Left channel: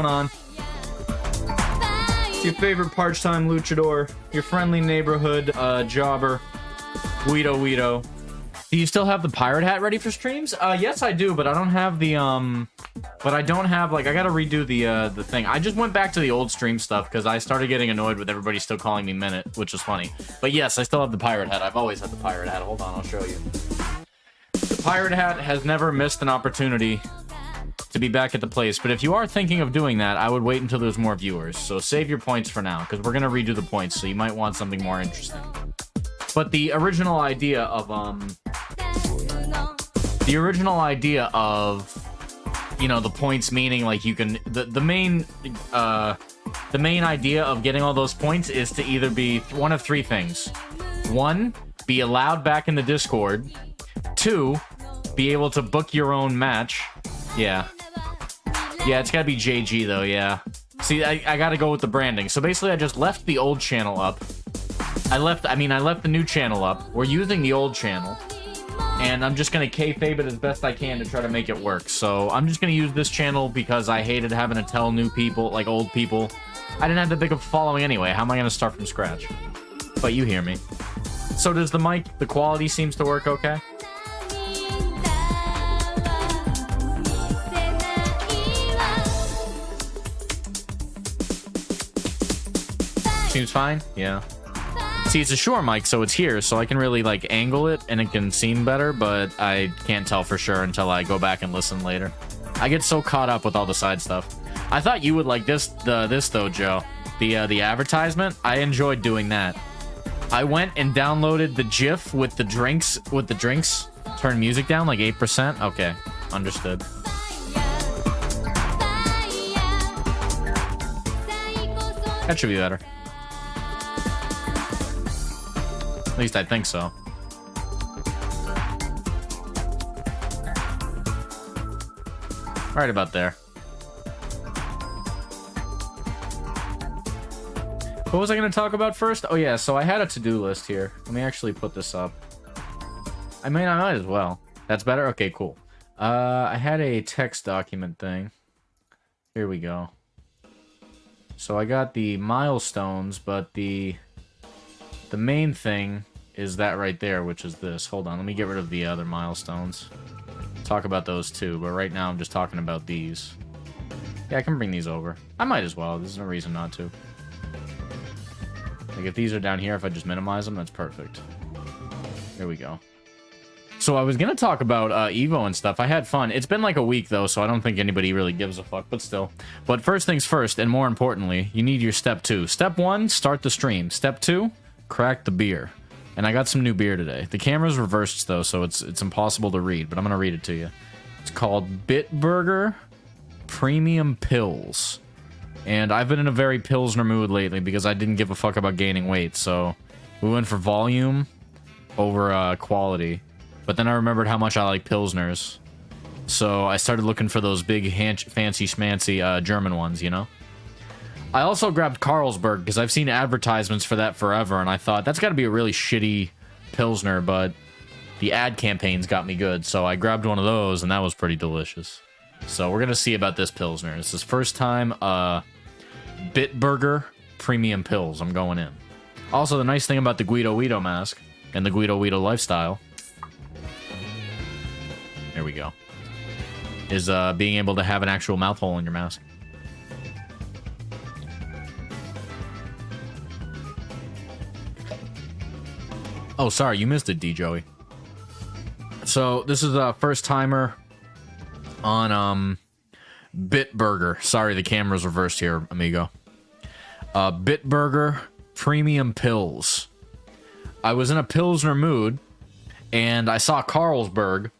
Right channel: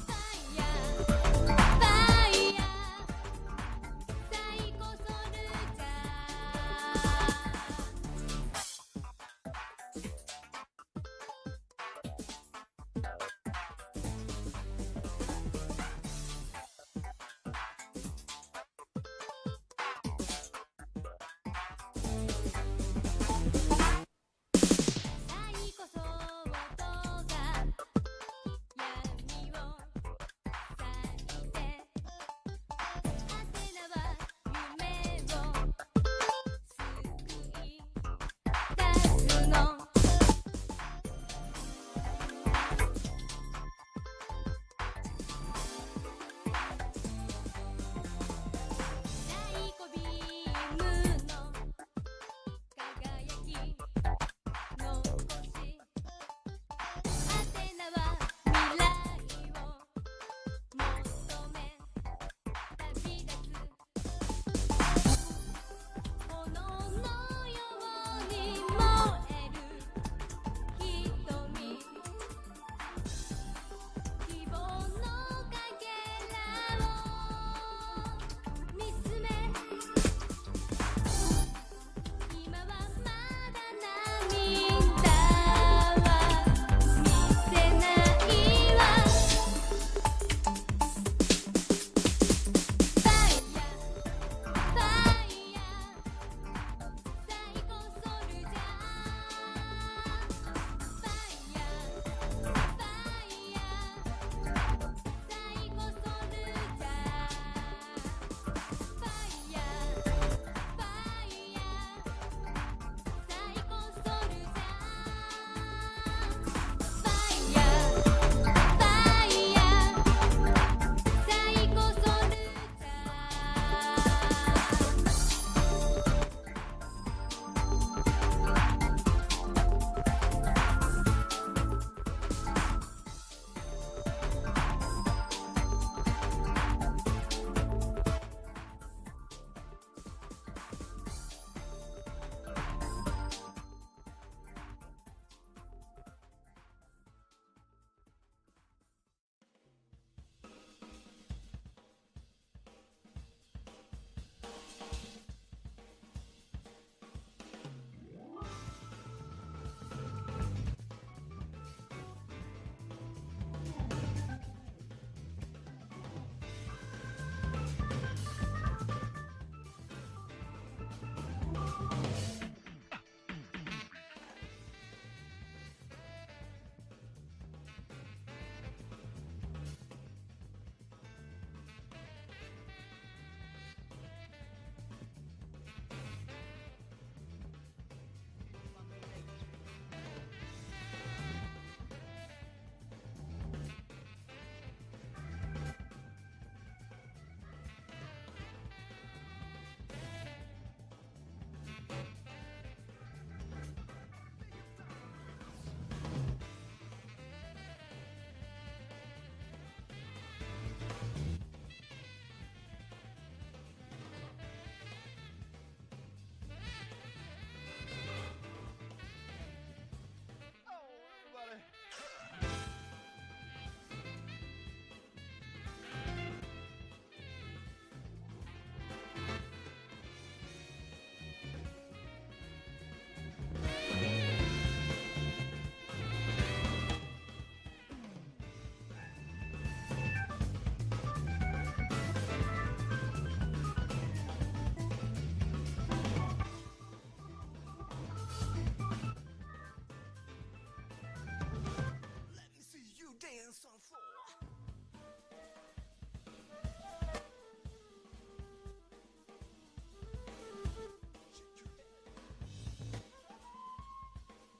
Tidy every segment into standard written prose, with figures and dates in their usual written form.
going on? Your favorite part-time luchador, your friendly neighborhood jobber, Guido. Do you still have the pirate hat ready for streams? Yes, I do, but I don't have the, but I don't have, like, I gotta redo the thing. I just went back to the old stream stuff, because I started getting annoyed with everybody still calling me Minute, which is funny. But yes, I still have the pirate hat. I've always had the pirate hat. Hold on, I'll show you. The pirate hat has never missed an opportunity to be back at the place, but if you are thinking of doing that, I would wait until there's more viewers. So save your points for now, because we're gonna redo the points, so you might want something more interesting. But the original idea of, you know, the points meaning, like, you can, the main idea of getting all those points is to either be one of three things. One, be allowed back in the Discord. Two, be able to book your own match. Yeah, it's gotta be JG though, yeah. See, I gotta go with the branding. So basically I just left the old channel up. I left the new channel up. We're using the old channel. And I'm just gonna kayfabe it as best I can to try to make it work. So I'm just gonna use this channel because I hated having to tell new people, like old people. I didn't have that big of a following anyway. How am I gonna start from scratch? But you hear me. So does the mic, the quality seems to work okay? Seems fine? Yeah. See, it's a Shure mic, so it's here, so I can really, like, angle it, and it can seem better, but I can't tell for sure until I go back and listen later. I get so caught up with all the side stuff. I thought you would like this though, Joe. The advertisement, I enjoyed doing that. I went and downloaded the GIF with the drinks, turn music down, like 8%. Okay, understood. That should be better. At least I think so. Right about there. What was I going to talk about first? Oh yeah, so I had a to-do list here. Let me actually put this up. I might as well. That's better? Okay, cool. I had a text document thing. Here we go. So I got the milestones, but the main thing is that right there, which is this. Hold on, let me get rid of the other milestones. Talk about those too, but right now I'm just talking about these. Yeah, I can bring these over. I might as well. There's no reason not to. Like, if these are down here, if I just minimize them, that's perfect. There we go. So I was gonna talk about Evo and stuff. I had fun. It's been like a week though, so I don't think anybody really gives a fuck, but still. But first things first, and more importantly, you need your step 2. Step 1, start the stream. Step 2, crack the beer. And I got some new beer today. The camera's reversed though, so it's impossible to read, but I'm gonna read it to you. It's called Bitberger Premium Pills. And I've been in a very Pilsner mood lately because I didn't give a fuck about gaining weight, so we went for volume over quality. But then I remembered how much I like Pilsners. So I started looking for those big, fancy schmancy German ones, you know? I also grabbed Carlsberg because I've seen advertisements for that forever, and I thought, that's got to be a really shitty Pilsner, but the ad campaigns got me good, so I grabbed one of those, and that was pretty delicious. So we're going to see about this Pilsner. This is first time Bitberger Premium Pills. I'm going in. Also, the nice thing about the Guido mask and the Guido lifestyle, there we go, is being able to have an actual mouth hole in your mask. Oh, sorry, you missed it, D. Joey. So, this is a first-timer on, Bitberger. Sorry, the camera's reversed here, amigo. Bitberger Premium Pills. I was in a Pilsner mood, and I saw Carlsberg.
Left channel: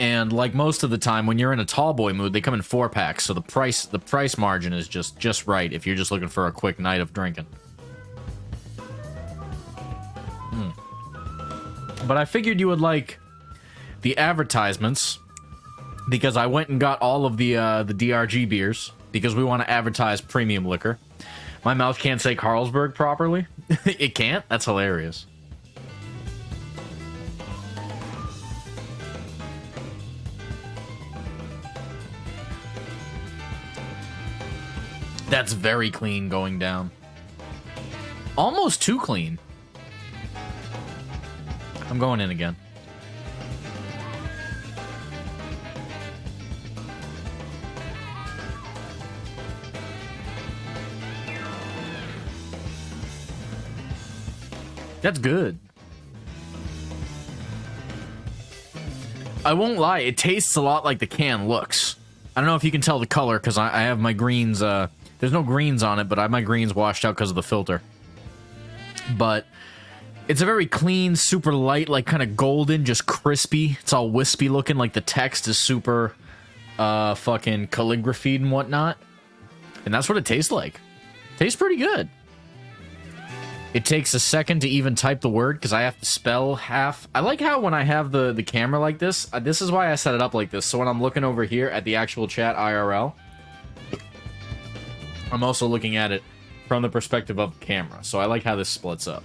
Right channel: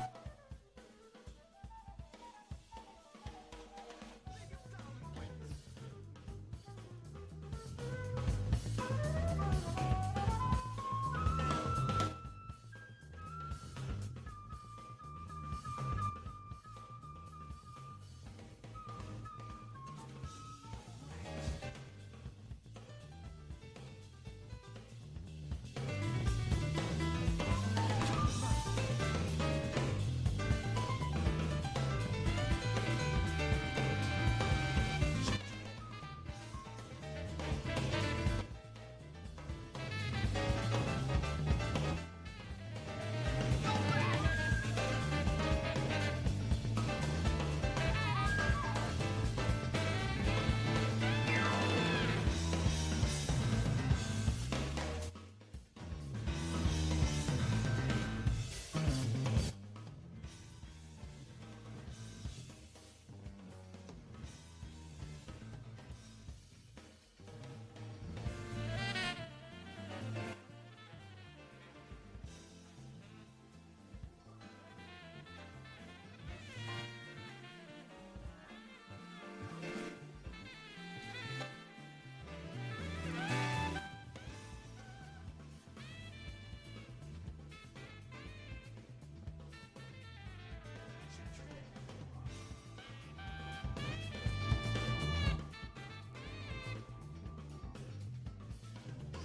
And like most of the time, when you're in a tall boy mood, they come in 4-packs, so the price margin is just right if you're just looking for a quick night of drinking. But I figured you would like the advertisements because I went and got all of the DRG beers because we want to advertise premium liquor. My mouth can't say Carlsberg properly. It can't? That's hilarious. That's very clean going down. Almost too clean. I'm going in again. That's good. I won't lie, it tastes a lot like the can looks. I don't know if you can tell the color, because I have my greens, there's no greens on it, but I have my greens washed out because of the filter. But it's a very clean, super light, like kind of golden, just crispy. It's all wispy looking, like the text is super, fucking calligraphied and whatnot. And that's what it tastes like. Tastes pretty good. It takes a second to even type the word because I have to spell half. I like how when I have the camera like this, this is why I set it up like this. So when I'm looking over here at the actual chat IRL, I'm also looking at it from the perspective of the camera. So I like how this splits up.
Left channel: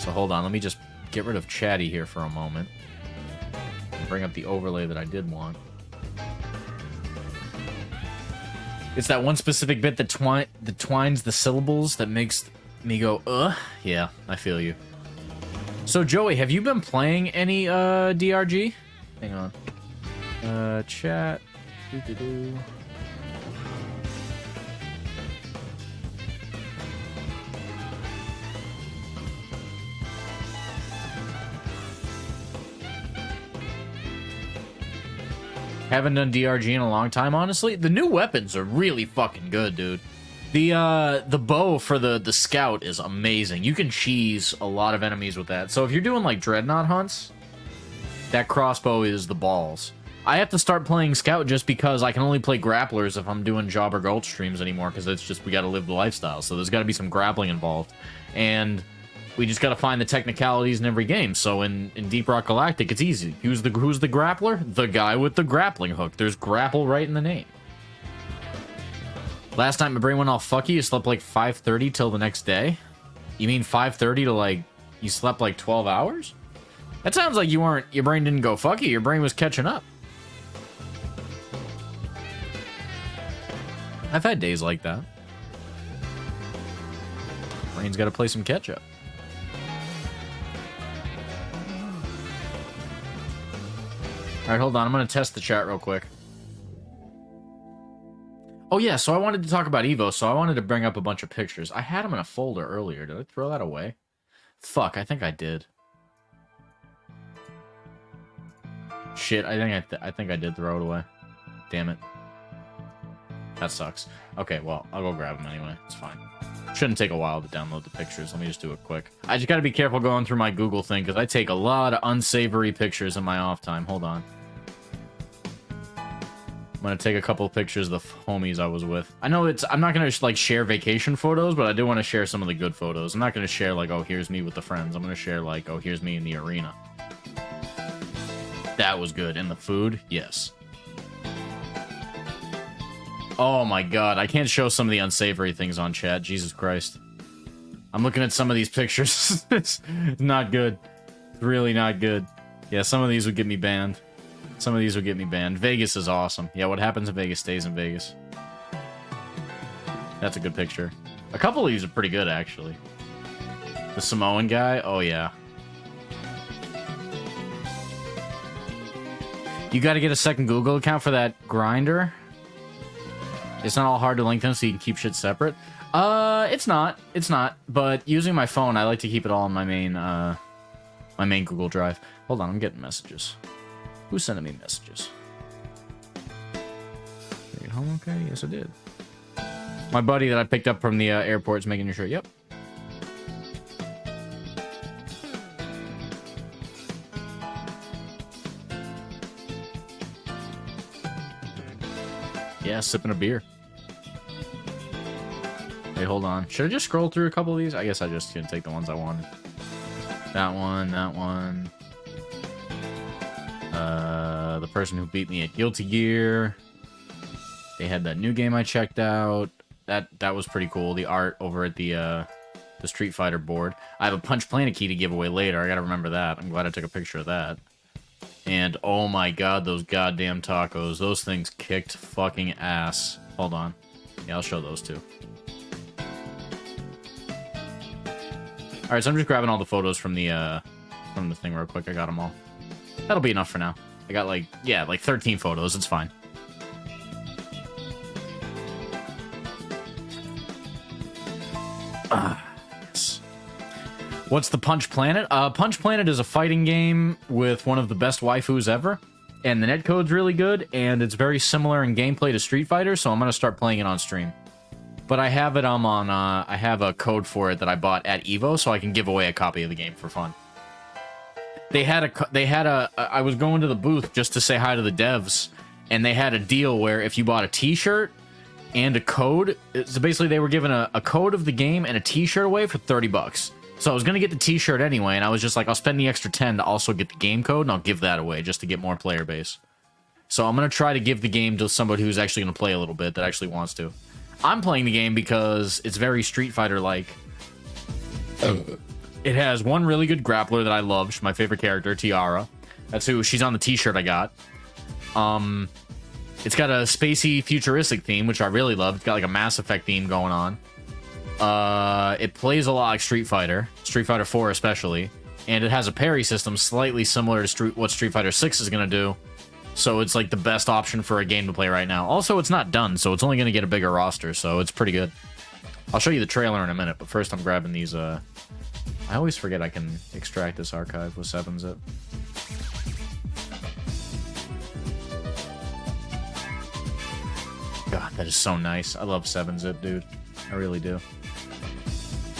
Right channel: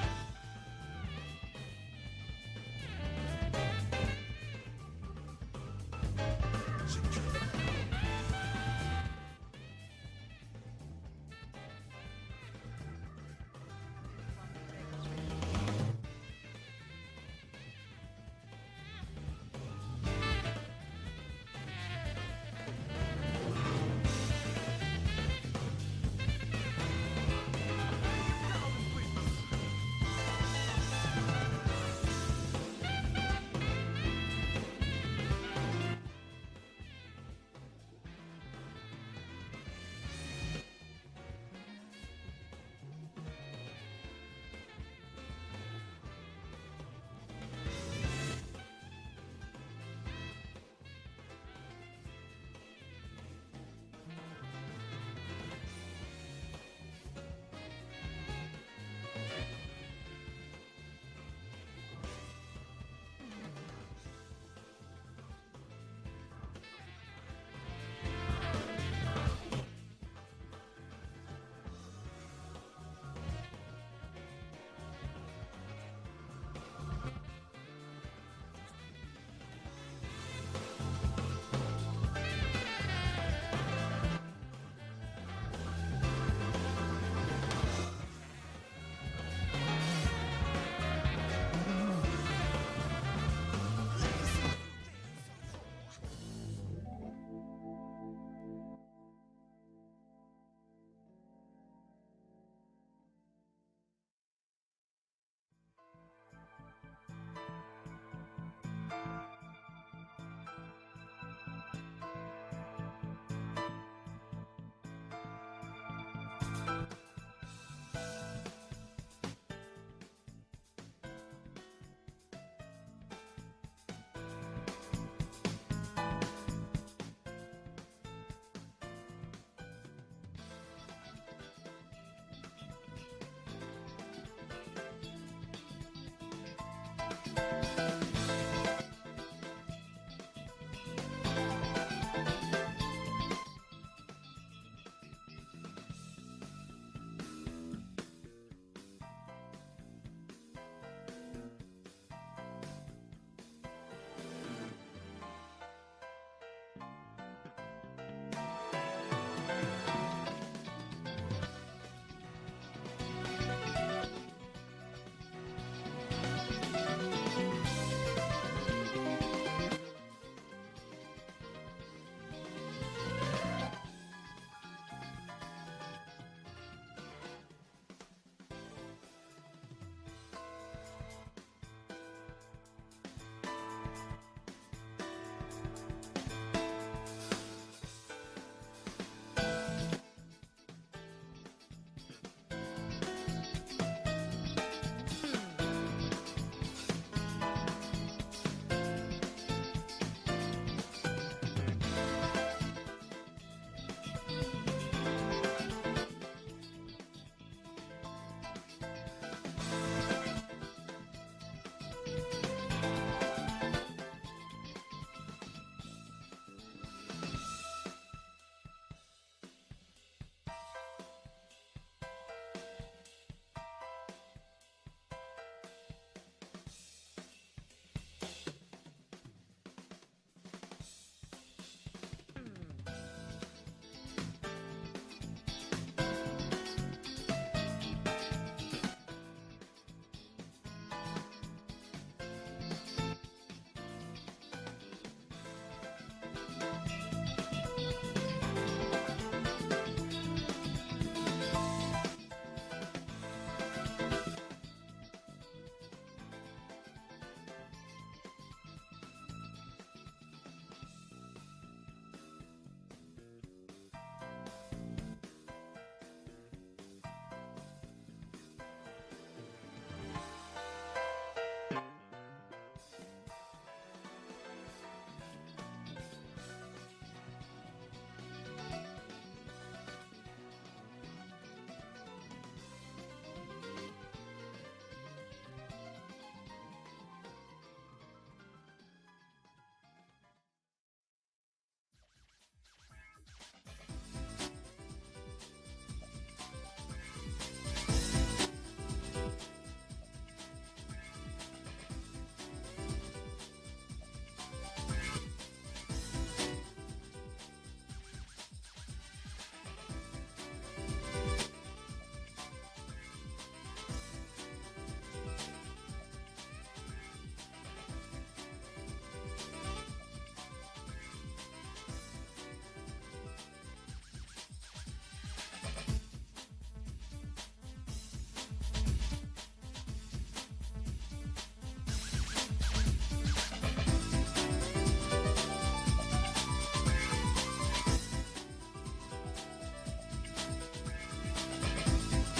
So hold on, let me just get rid of chatty here for a moment. Bring up the overlay that I did want. It's that one specific bit that twines the syllables that makes me go, yeah, I feel you. So, Joey, have you been playing any, DRG? Hang on. Chat. Doo-doo-doo. Haven't done DRG in a long time, honestly. The new weapons are really fucking good, dude. The bow for the scout is amazing. You can cheese a lot of enemies with that. So if you're doing like dreadnought hunts, that crossbow is the balls. I have to start playing scout just because I can only play grapplers if I'm doing Jobber Gulch streams anymore, because it's just we got to live the lifestyle. So there's got to be some grappling involved, and we just got to find the technicalities in every game. So in Deep Rock Galactic, it's easy. Who's the grappler? The guy with the grappling hook. There's grapple right in the name. Last night my brain went all fucky. You slept like 5:30 till the next day? You mean 5:30 to like you slept like 12 hours? That sounds like your brain didn't go fucky. Your brain was catching up. I've had days like that. Brain's got to play some catch up. All right, hold on. I'm going to test the chat real quick. Oh, yeah, so I wanted to talk about Evo, so I wanted to bring up a bunch of pictures. I had them in a folder earlier. Did I throw that away? Fuck, I think I did. Shit, I think I did throw it away. Damn it. That sucks. Okay, well, I'll go grab them anyway. It's fine. Shouldn't take a while to download the pictures. Let me just do it quick. I just gotta be careful going through my Google thing, because I take a lot of unsavory pictures in my off time. Hold on. I'm gonna take a couple of pictures of the homies I was with. I know I'm not gonna like share vacation photos, but I do want to share some of the good photos. I'm not gonna share like, oh, here's me with the friends. I'm gonna share like, oh, here's me in the arena. That was good. And the food, yes. Oh my god, I can't show some of the unsavory things on chat. Jesus Christ. I'm looking at some of these pictures. It's not good. Really not good. Yeah, some of these would get me banned. Some of these would get me banned. Vegas is awesome. Yeah, what happens in Vegas stays in Vegas. That's a good picture. A couple of these are pretty good, actually. The Samoan guy? Oh, yeah. You gotta get a second Google account for that grinder? It's not all hard to link them so you can keep shit separate. It's not. It's not. But using my phone, I like to keep it all on my main Google Drive. Hold on, I'm getting messages. Who's sending me messages? Are you home okay? Yes, I did. My buddy that I picked up from the airport is making sure. Yep. Yeah, sipping a beer. Okay, hold on. Should I just scroll through a couple of these? I guess I just can take the ones I wanted. That one, that one. The person who beat me at Guilty Gear. They had that new game I checked out. That was pretty cool. The art over at the Street Fighter board. I have a Punch Planet key to give away later. I gotta remember that. I'm glad I took a picture of that. And oh my god, those goddamn tacos. Those things kicked fucking ass. Hold on. Yeah, I'll show those too. All right, so I'm just grabbing all the photos from the thing real quick. I got them all. That'll be enough for now. I got like, yeah, like 13 photos. It's fine. What's the Punch Planet? Punch Planet is a fighting game with one of the best waifus ever, and the netcode's really good, and it's very similar in gameplay to Street Fighter, so I'm gonna start playing it on stream. But I have it on I have a code for it that I bought at Evo, so I can give away a copy of the game for fun. I was going to the booth just to say hi to the devs, and they had a deal where if you bought a t-shirt and a code, so basically they were giving a code of the game and a t-shirt away for 30 bucks. So I was going to get the t-shirt anyway, and I was just like, I'll spend the extra 10 to also get the game code, and I'll give that away just to get more player base. So I'm going to try to give the game to somebody who's actually going to play a little bit, that actually wants to. I'm playing the game because it's very Street Fighter-like. It has one really good grappler that I love. She's my favorite character, Tiara. That's who she's on the t-shirt I got. It's got a spacey, futuristic theme, which I really love. It's got like a Mass Effect theme going on. It plays a lot like Street Fighter 4 especially, and it has a parry system slightly similar to what Street Fighter 6 is going to do, so it's like the best option for a game to play right now. Also, it's not done, so it's only going to get a bigger roster, so it's pretty good. I'll show you the trailer in a minute, but first I'm grabbing these. I always forget I can extract this archive with 7-zip. God, that is so nice. I love 7-zip, dude. I really do.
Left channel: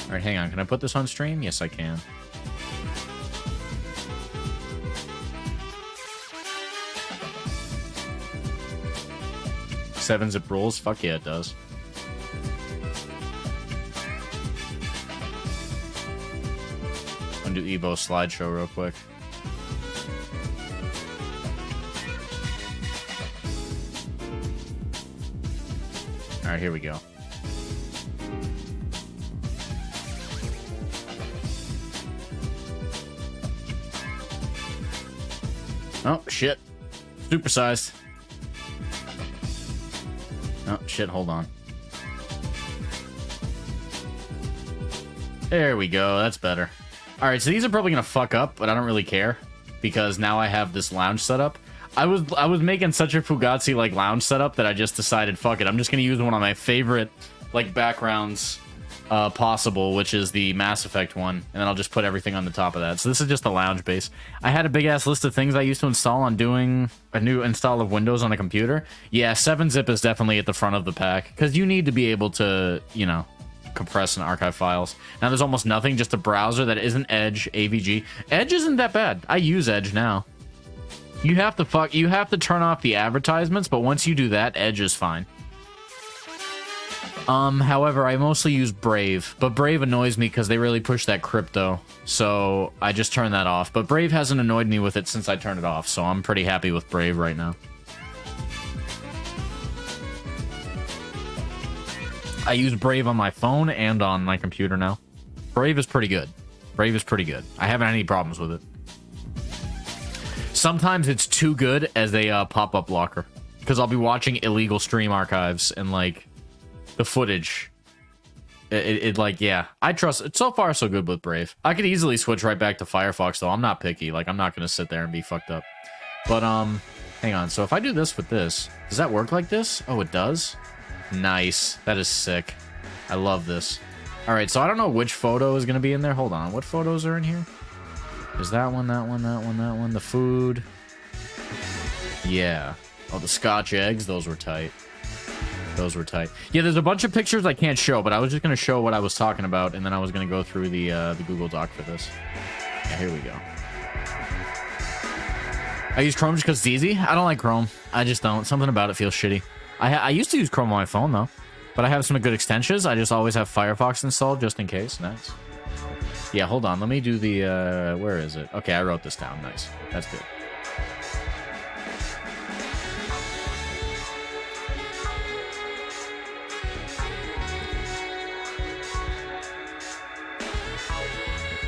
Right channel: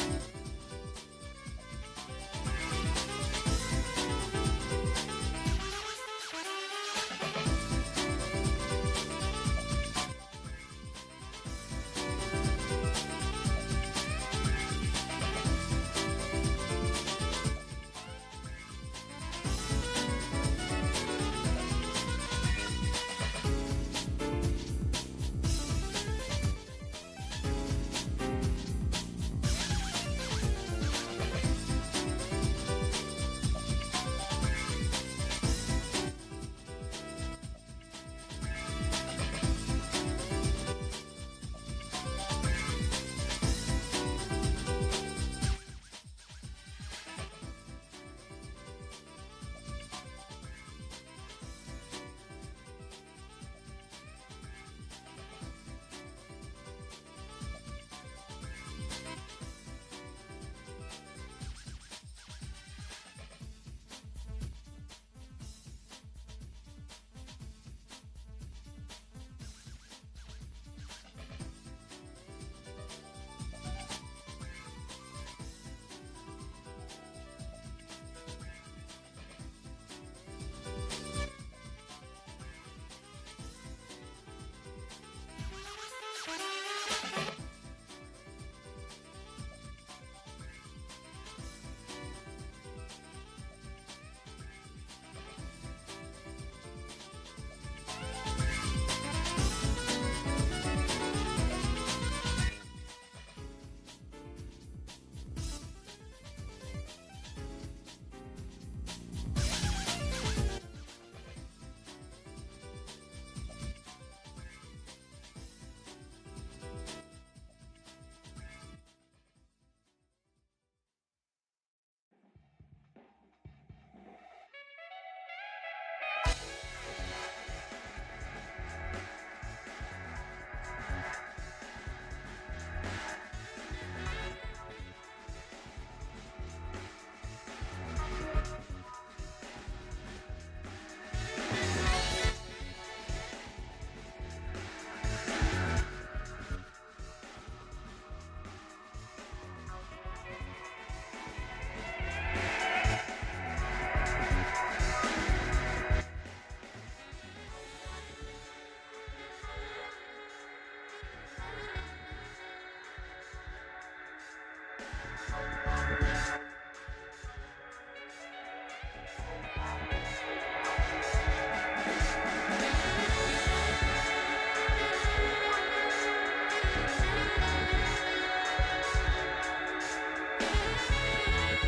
Alright, hang on. Can I put this on stream? Yes, I can. Seven zip rules? Fuck yeah, it does. I'm gonna do Evo slideshow real quick. Alright, here we go. Oh, shit. Supersized. Oh, shit, hold on. There we go, that's better. Alright, so these are probably gonna fuck up, but I don't really care, because now I have this lounge setup. I was making such a Fugazi, like, lounge setup that I just decided, fuck it, I'm just gonna use one of my favorite, like, backgrounds possible, which is the Mass Effect one, and then I'll just put everything on the top of that. So this is just the lounge base. I had a big ass list of things I used to install on doing a new install of Windows on a computer. Yeah, 7-zip is definitely at the front of the pack, because you need to be able to, you know, compress and archive files. Now there's almost nothing, just a browser that isn't Edge, AVG. Edge isn't that bad. I use Edge now. You have to turn off the advertisements, but once you do that, Edge is fine. However, I mostly use Brave, but Brave annoys me because they really push that crypto, so I just turn that off. But Brave hasn't annoyed me with it since I turned it off, so I'm pretty happy with Brave right now. I use Brave on my phone and on my computer now. Brave is pretty good. Brave is pretty good. I haven't had any problems with it. Sometimes it's too good as a pop-up blocker, because I'll be watching illegal stream archives and, like, the footage, it like, yeah, I trust it. So far so good with Brave. I could easily switch right back to Firefox though. I'm not picky, like, I'm not gonna sit there and be fucked up. But hang on, so if I do this with this, does that work like this? Oh, it does. Nice. That is sick. I love this. All right, so I don't know which photo is gonna be in there. Hold on, what photos are in here? Is that one, that one, that one, that one? The food, yeah. Oh, the Scotch eggs, those were tight. Those were tight. Yeah, there's a bunch of pictures I can't show, but I was just going to show what I was talking about, and then I was going to go through the Google Doc for this. Here we go. I use Chrome just because it's easy. I don't like Chrome. I just don't. Something about it feels shitty. I used to use Chrome on my phone, though, but I have some good extensions. I just always have Firefox installed just in case. Nice. Yeah, hold on. Let me do the... where is it? Okay, I wrote this down. Nice. That's good.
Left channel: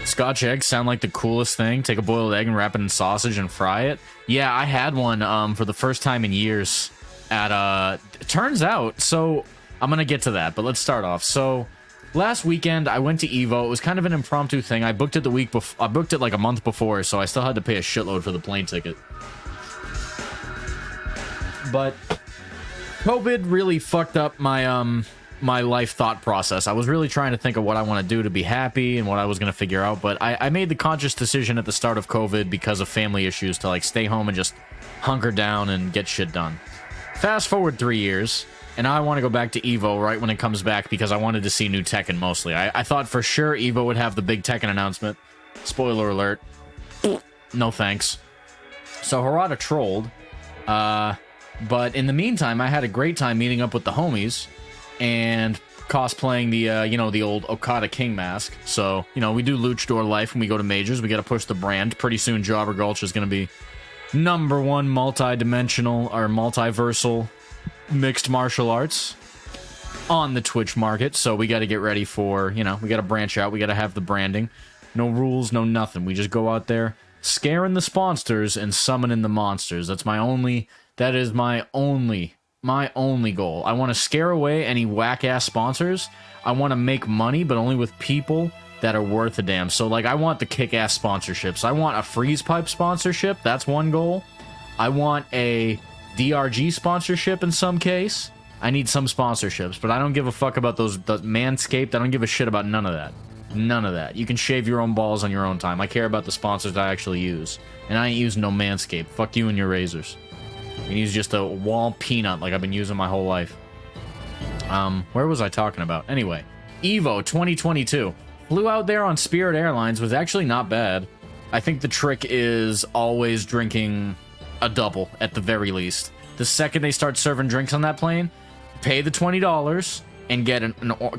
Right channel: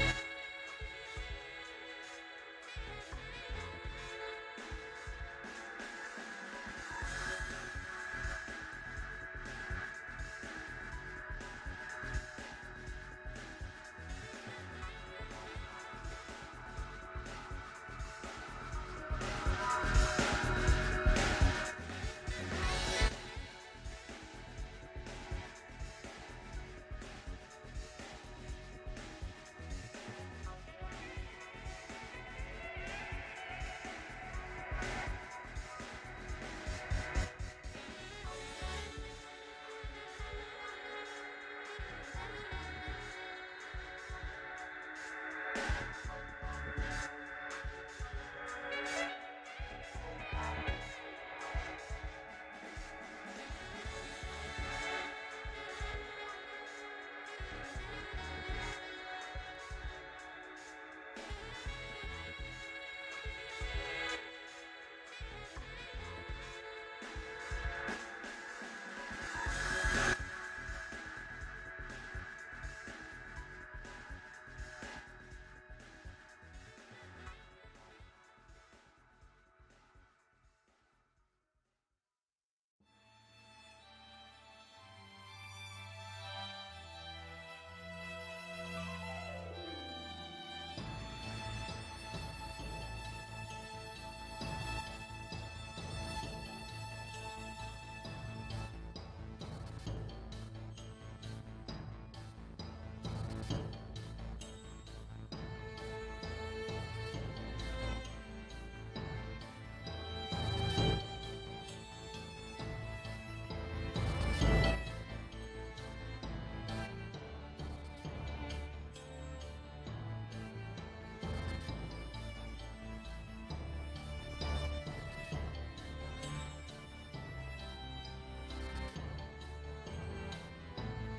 Scotch eggs sound like the coolest thing. Take a boiled egg and wrap it in sausage and fry it. Yeah, I had one for the first time in years at turns out, so I'm gonna get to that, but let's start off. So, last weekend I went to Evo. It was kind of an impromptu thing. I booked it the week before. I booked it like a month before, so I still had to pay a shitload for the plane ticket. But COVID really fucked up my my life thought process. I was really trying to think of what I want to do to be happy and what I was going to figure out, but I made the conscious decision at the start of COVID because of family issues to like stay home and just hunker down and get shit done. Fast forward 3 years, and now I want to go back to Evo right when it comes back because I wanted to see new Tekken mostly. I thought for sure Evo would have the big Tekken announcement. Spoiler alert. No thanks. So Harada trolled, but in the meantime, I had a great time meeting up with the homies and cosplaying the, you know, the old Okada King mask. So, you know, we do luchador life when we go to majors. We got to push the brand. Pretty soon, Jobber Gulch is going to be #1 multi-dimensional or multiversal mixed martial arts on the Twitch market. So we got to get ready for, you know, we got to branch out. We got to have the branding. No rules, no nothing. We just go out there scaring the sponsors and summoning the monsters. That is my only goal. I want to scare away any whack-ass sponsors. I want to make money, but only with people that are worth a damn. So, like, I want the kick-ass sponsorships. I want a freeze pipe sponsorship. That's one goal. I want a DRG sponsorship in some case. I need some sponsorships, but I don't give a fuck about those Manscaped. I don't give a shit about none of that. None of that. You can shave your own balls on your own time. I care about the sponsors I actually use. And I ain't using no Manscaped. Fuck you and your razors. I can use just a wall peanut like I've been using my whole life. Where was I talking about? Anyway, Evo 2022. Flew out there on Spirit Airlines, was actually not bad. I think the trick is always drinking a double at the very least. The second they start serving drinks on that plane, pay the $20 and get a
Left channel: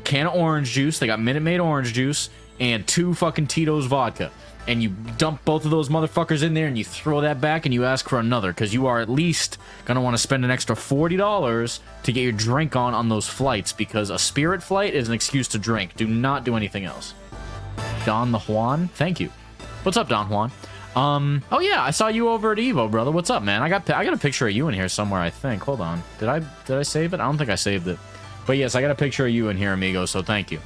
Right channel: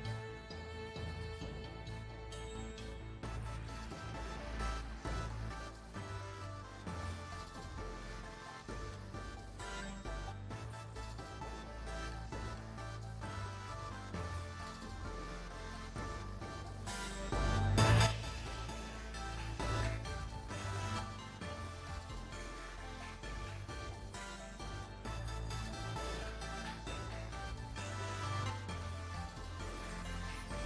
can of orange juice. They got Minute Maid orange juice and 2 fucking Tito's vodka. And you dump both of those motherfuckers in there and you throw that back and you ask for another, because you are at least gonna want to spend an extra $40 to get your drink on those flights, because a Spirit flight is an excuse to drink. Do not do anything else. Don the Juan, thank you. What's up, Don Juan? Oh yeah, I saw you over at Evo, brother. What's up, man? I got a picture of you in here somewhere, I think. Hold on. Did I save it? I don't think I saved it. But yes, I got a picture of you in here, amigo, so thank you.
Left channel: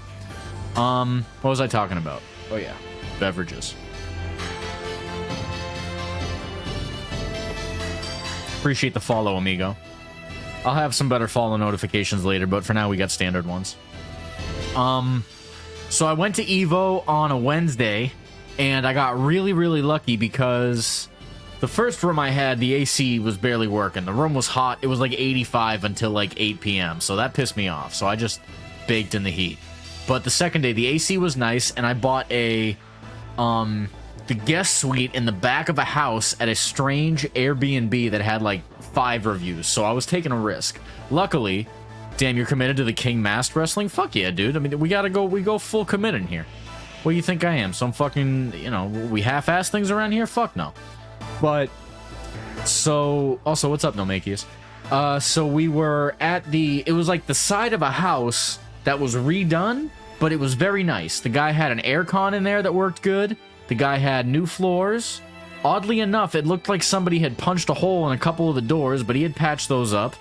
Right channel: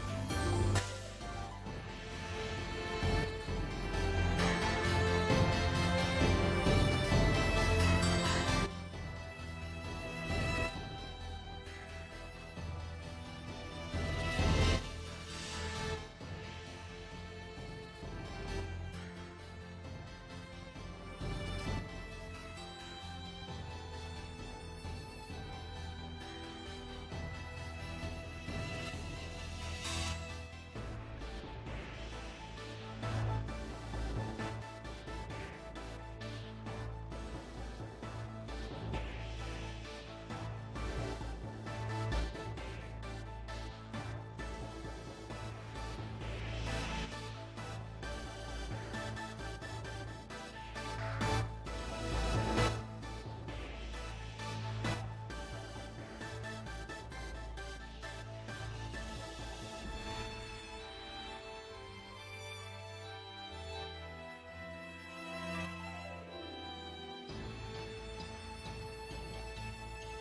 What was I talking about? Oh yeah, beverages. Appreciate the follow, amigo. I'll have some better follow notifications later, but for now we got standard ones. So I went to Evo on a Wednesday, and I got really, really lucky because the first room I had, the AC was barely working. The room was hot. It was like 85 until like 8 p.m., so that pissed me off. So I just baked in the heat. But the second day, the AC was nice, and I bought the guest suite in the back of a house at a strange Airbnb that had like 5 reviews, so I was taking a risk. Luckily, damn, you're committed to the King Masked Wrestling? Fuck yeah, dude. I mean, we go full committed here. What do you think I am? Some fucking, you know, we half-ass things around here? Fuck no. But, so, also, what's up, Nomakius? So we were at it was like the side of a house that was redone, but it was very nice. The guy had an aircon in there that worked good. The guy had new floors. Oddly enough, it looked like somebody had punched a hole in a couple of the doors, but he had patched those up.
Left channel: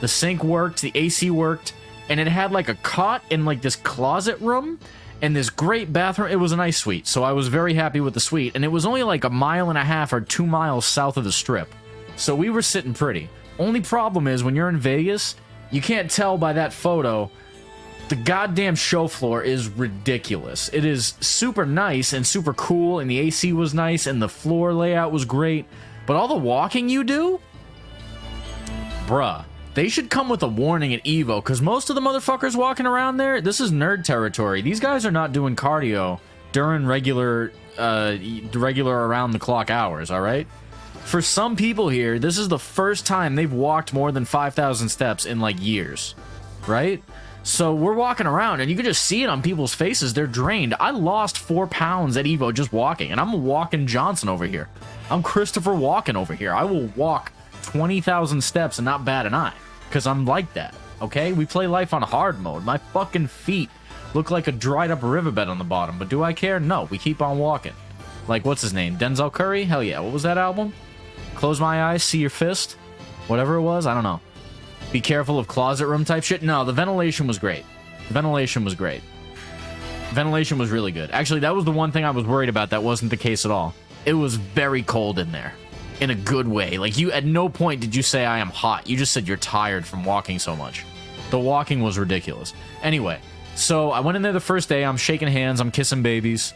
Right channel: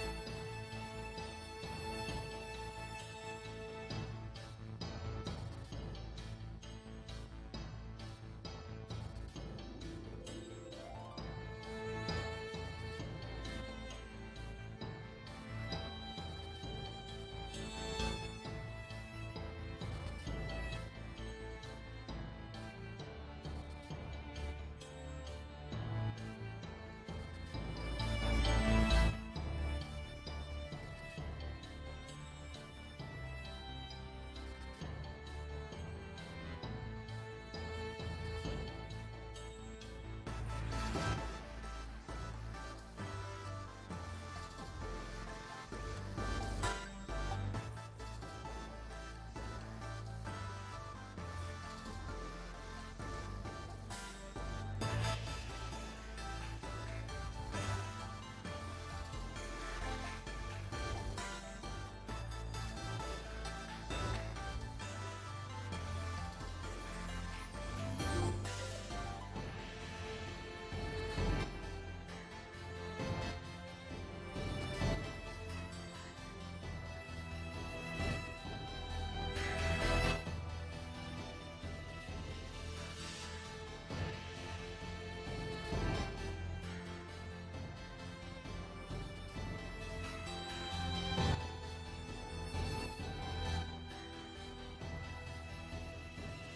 The sink worked, the AC worked, and it had like a cot in like this closet room and this great bathroom. It was a nice suite, so I was very happy with the suite, and it was only like 1.5 miles or 2 miles south of the Strip. So we were sitting pretty. Only problem is when you're in Vegas, you can't tell by that photo. The goddamn show floor is ridiculous. It is super nice and super cool, and the AC was nice, and the floor layout was great. But all the walking you do? Bruh. They should come with a warning at Evo, because most of the motherfuckers walking around there, this is nerd territory. These guys are not doing cardio during regular around-the-clock hours, alright? For some people here, this is the first time they've walked more than 5,000 steps in, like, years. Right? So we're walking around, and you can just see it on people's faces. They're drained. I lost 4 pounds at Evo just walking, and I'm a walking Johnson over here. I'm Christopher Walken over here. I will walk 20,000 steps and not bat an eye, because I'm like that, okay? We play life on hard mode. My fucking feet look like a dried up riverbed on the bottom, but do I care? No, we keep on walking. Like, what's his name? Denzel Curry? Hell yeah. What was that album? Close My Eyes, See Your Fist? Whatever it was, I don't know. Be careful of closet room type shit. No, the ventilation was great. Ventilation was great. Ventilation was really good. Actually, that was the one thing I was worried about. That wasn't the case at all. It was very cold in there. In a good way. Like, you, at no point did you say I am hot. You just said you're tired from walking so much. The walking was ridiculous. Anyway, so I went in there the first day. I'm shaking hands. I'm kissing babies.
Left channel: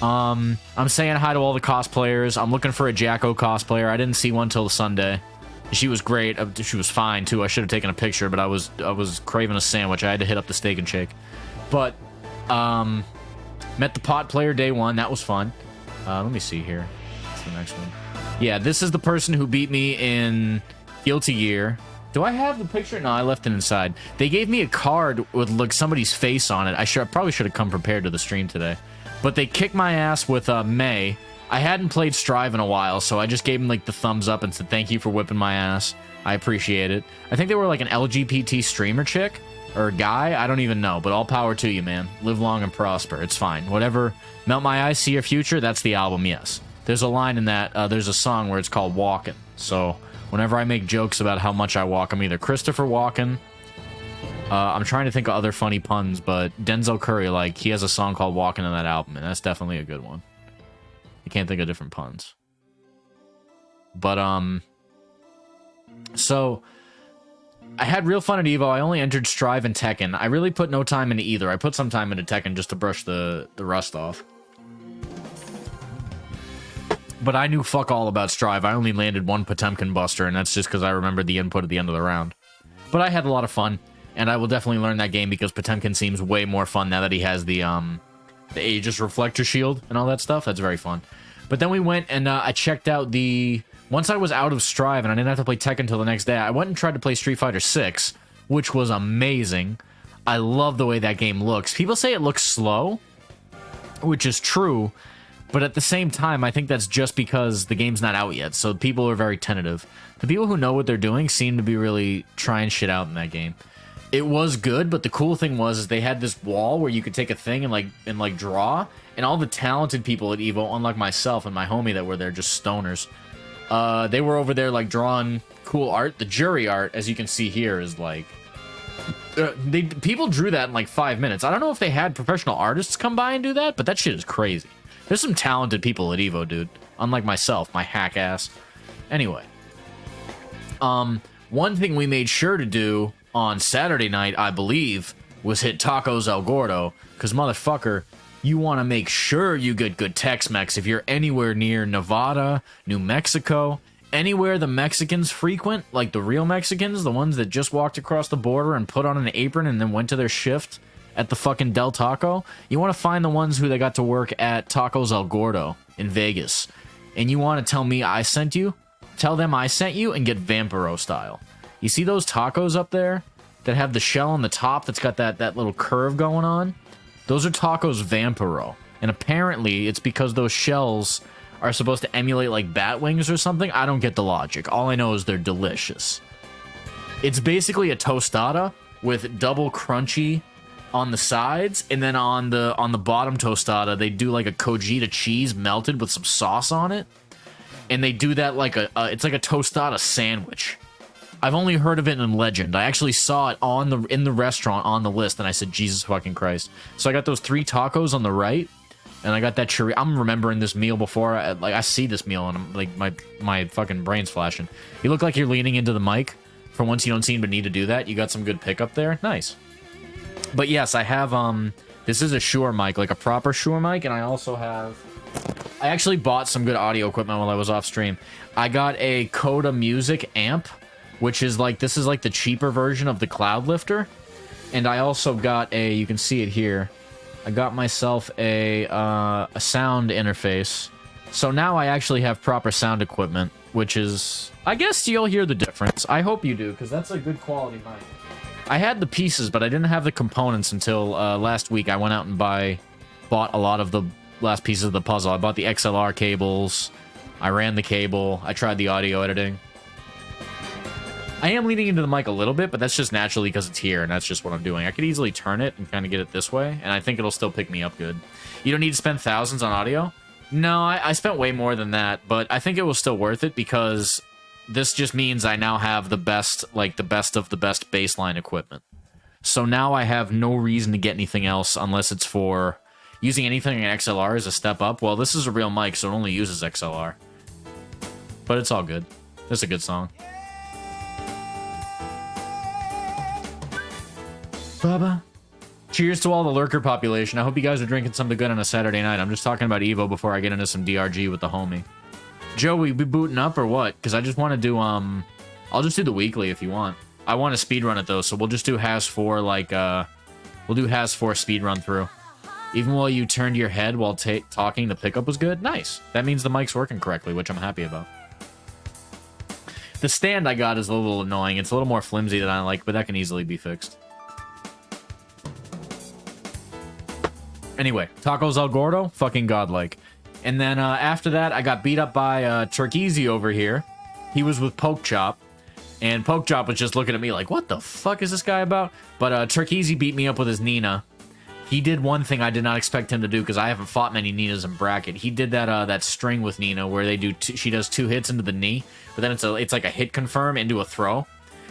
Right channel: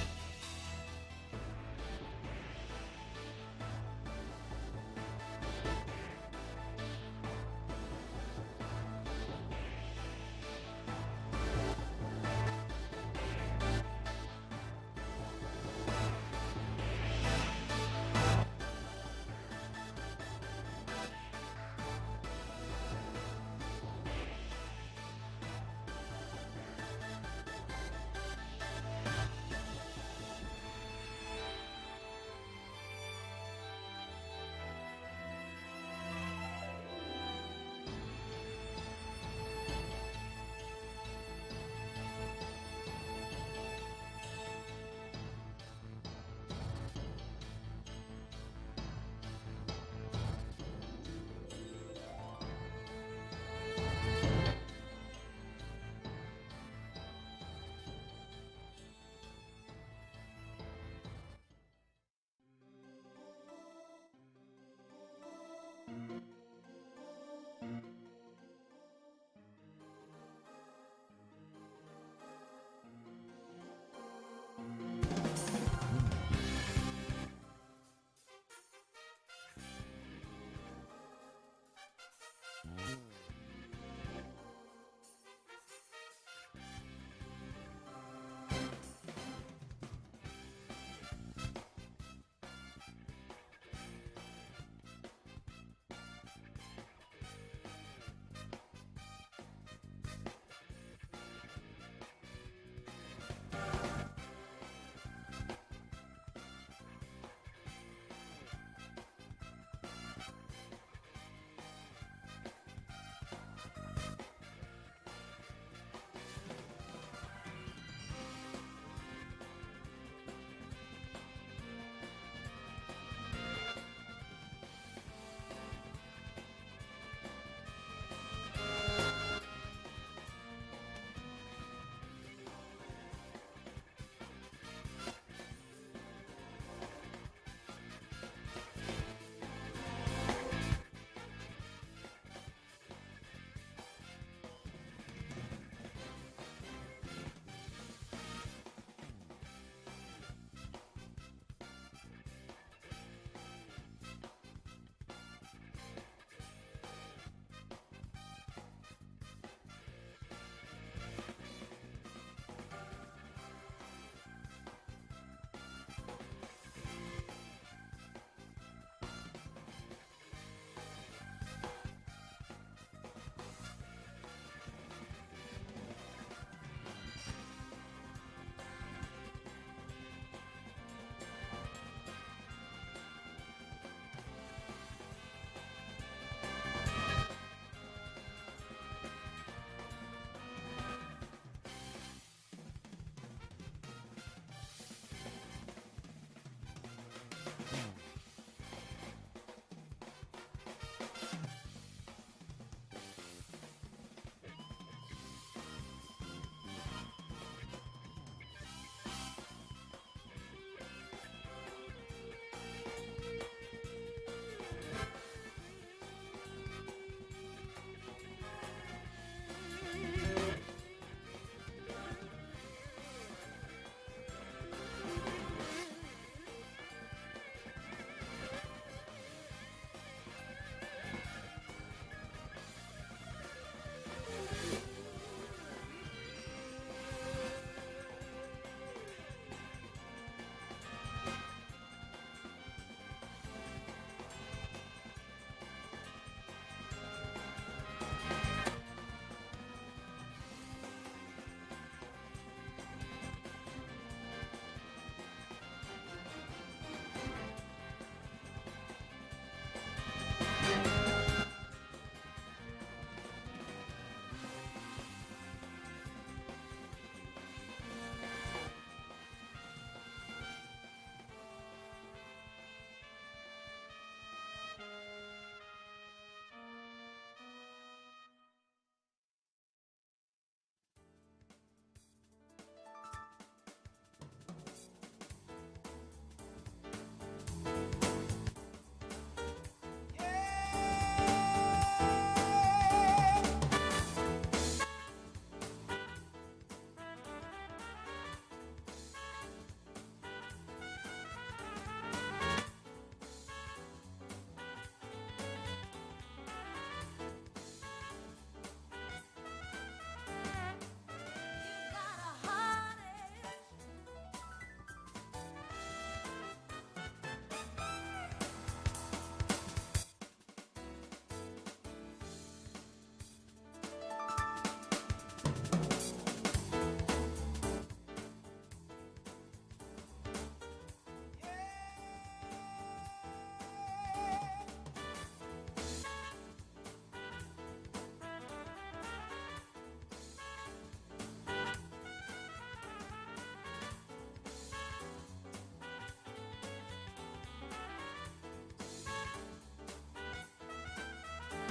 I'm saying hi to all the cosplayers. I'm looking for a Jacko cosplayer. I didn't see one till Sunday. She was great. She was fine, too. I should have taken a picture, but I was craving a sandwich. I had to hit up the Steak and Shake. But, met the pot player day one. That was fun. Let me see here. What's the next one? Yeah, this is the person who beat me in Guilty Gear. Do I have the picture? No, I left it inside. They gave me a card with, like, somebody's face on it. I probably should have come prepared to the stream today. But they kicked my ass with May. I hadn't played Strive in a while, so I just gave him, like, the thumbs up and said, thank you for whipping my ass. I appreciate it. I think they were, like, an LGBT streamer chick or guy. I don't even know, but all power to you, man. Live long and prosper. It's fine. Whatever. Melt My Eyes, See Your Future. That's the album, yes. There's a line in that. There's a song where it's called Walkin'. So whenever I make jokes about how much I walk, I'm either Christopher Walken. I'm trying to think of other funny puns, but Denzel Curry, like, he has a song called Walkin' in that album, and that's definitely a good one. I can't think of different puns. But, so I had real fun at EVO. I only entered Strive and Tekken. I really put no time into either. I put some time into Tekken just to brush the rust off. But I knew fuck all about Strive. I only landed one Potemkin Buster, and that's just because I remembered the input at the end of the round. But I had a lot of fun, and I will definitely learn that game because Potemkin seems way more fun now that he has the Aegis Reflector Shield and all that stuff. That's very fun. But then we went and I checked out the... Once I was out of Strive and I didn't have to play Tekken until the next day, I went and tried to play Street Fighter 6, which was amazing. I love the way that game looks. People say it looks slow, which is true, but at the same time, I think that's just because the game's not out yet, so people are very tentative. The people who know what they're doing seem to be really trying shit out in that game. It was good, but the cool thing was is they had this wall where you could take a thing and like draw, and all the talented people at EVO, unlike myself and my homie that were there, just stoners, they were over there like drawing cool art. The jury art, as you can see here, is like people drew that in like 5 minutes. I don't know if they had professional artists come by and do that, but that shit is crazy. There's some talented people at EVO, dude. Unlike myself, my hack ass. Anyway, one thing we made sure to do on Saturday night, I believe, was hit Tacos El Gordo, because motherfucker, you want to make sure you get good Tex-Mex if you're anywhere near Nevada, New Mexico, anywhere the Mexicans frequent, like the real Mexicans, the ones that just walked across the border and put on an apron and then went to their shift at the fucking Del Taco. You want to find the ones who they got to work at Tacos El Gordo in Vegas. And you want to tell me I sent you? Tell them I sent you and get Vampiro style. You see those tacos up there that have the shell on the top that's got that little curve going on? Those are tacos Vampiro. And apparently it's because those shells are supposed to emulate like bat wings or something. I don't get the logic. All I know is they're delicious. It's basically a tostada with double crunchy on the sides, and then on the bottom tostada they do like a Cojita cheese melted with some sauce on it, and they do that like it's like a tostada sandwich. I've only heard of it in Legend. I actually saw it in the restaurant on the list, and I said, Jesus fucking Christ. So I got those 3 tacos on the right, and I got that chorizo. I'm remembering this meal before. I see this meal, and I'm like, my fucking brain's flashing. You look like you're leaning into the mic. For once, you don't seem to need to do that. You got some good pickup there. Nice. But yes, I have, this is a Shure mic, like a proper Shure mic, and I also have... I actually bought some good audio equipment while I was off stream. I got a Coda Music amp, which is like, this is like the cheaper version of the Cloud Lifter. And I also got you can see it here, I got myself a sound interface. So now I actually have proper sound equipment, which is, I guess you'll hear the difference. I hope you do, because that's a good quality mic. I had the pieces, but I didn't have the components until last week. I went out and bought a lot of the last pieces of the puzzle. I bought the XLR cables, I ran the cable, I tried the audio editing. I am leaning into the mic a little bit, but that's just naturally because it's here, and that's just what I'm doing. I could easily turn it and kind of get it this way, and I think it'll still pick me up good. You don't need to spend thousands on audio? No, I spent way more than that, but I think it was still worth it because this just means I now have the best, like the best of the best baseline equipment. So now I have no reason to get anything else unless it's for using anything in XLR as a step up. Well, this is a real mic, so it only uses XLR. But it's all good. It's a good song. Baba. Cheers to all the lurker population. I hope you guys are drinking something good on a Saturday night. I'm just talking about Evo before I get into some DRG with the homie. Joe, we be booting up or what? Because I just want to do, I'll just do the weekly if you want. I want to speedrun it though, so we'll just do Has 4, like, we'll do Has 4 speedrun through. Even while you turned your head while talking, the pickup was good? Nice. That means the mic's working correctly, which I'm happy about. The stand I got is a little annoying. It's a little more flimsy than I like, but that can easily be fixed. Anyway, tacos al Gordo, fucking godlike. And then after that, I got beat up by Turkeyzey over here. He was with Poke Chop. And Poke Chop was just looking at me like, what the fuck is this guy about? But Turkeyzey beat me up with his Nina. He did one thing I did not expect him to do because I haven't fought many Ninas in bracket. He did that that string with Nina where they do she does 2 hits into the knee, but then it's like a hit confirm into a throw.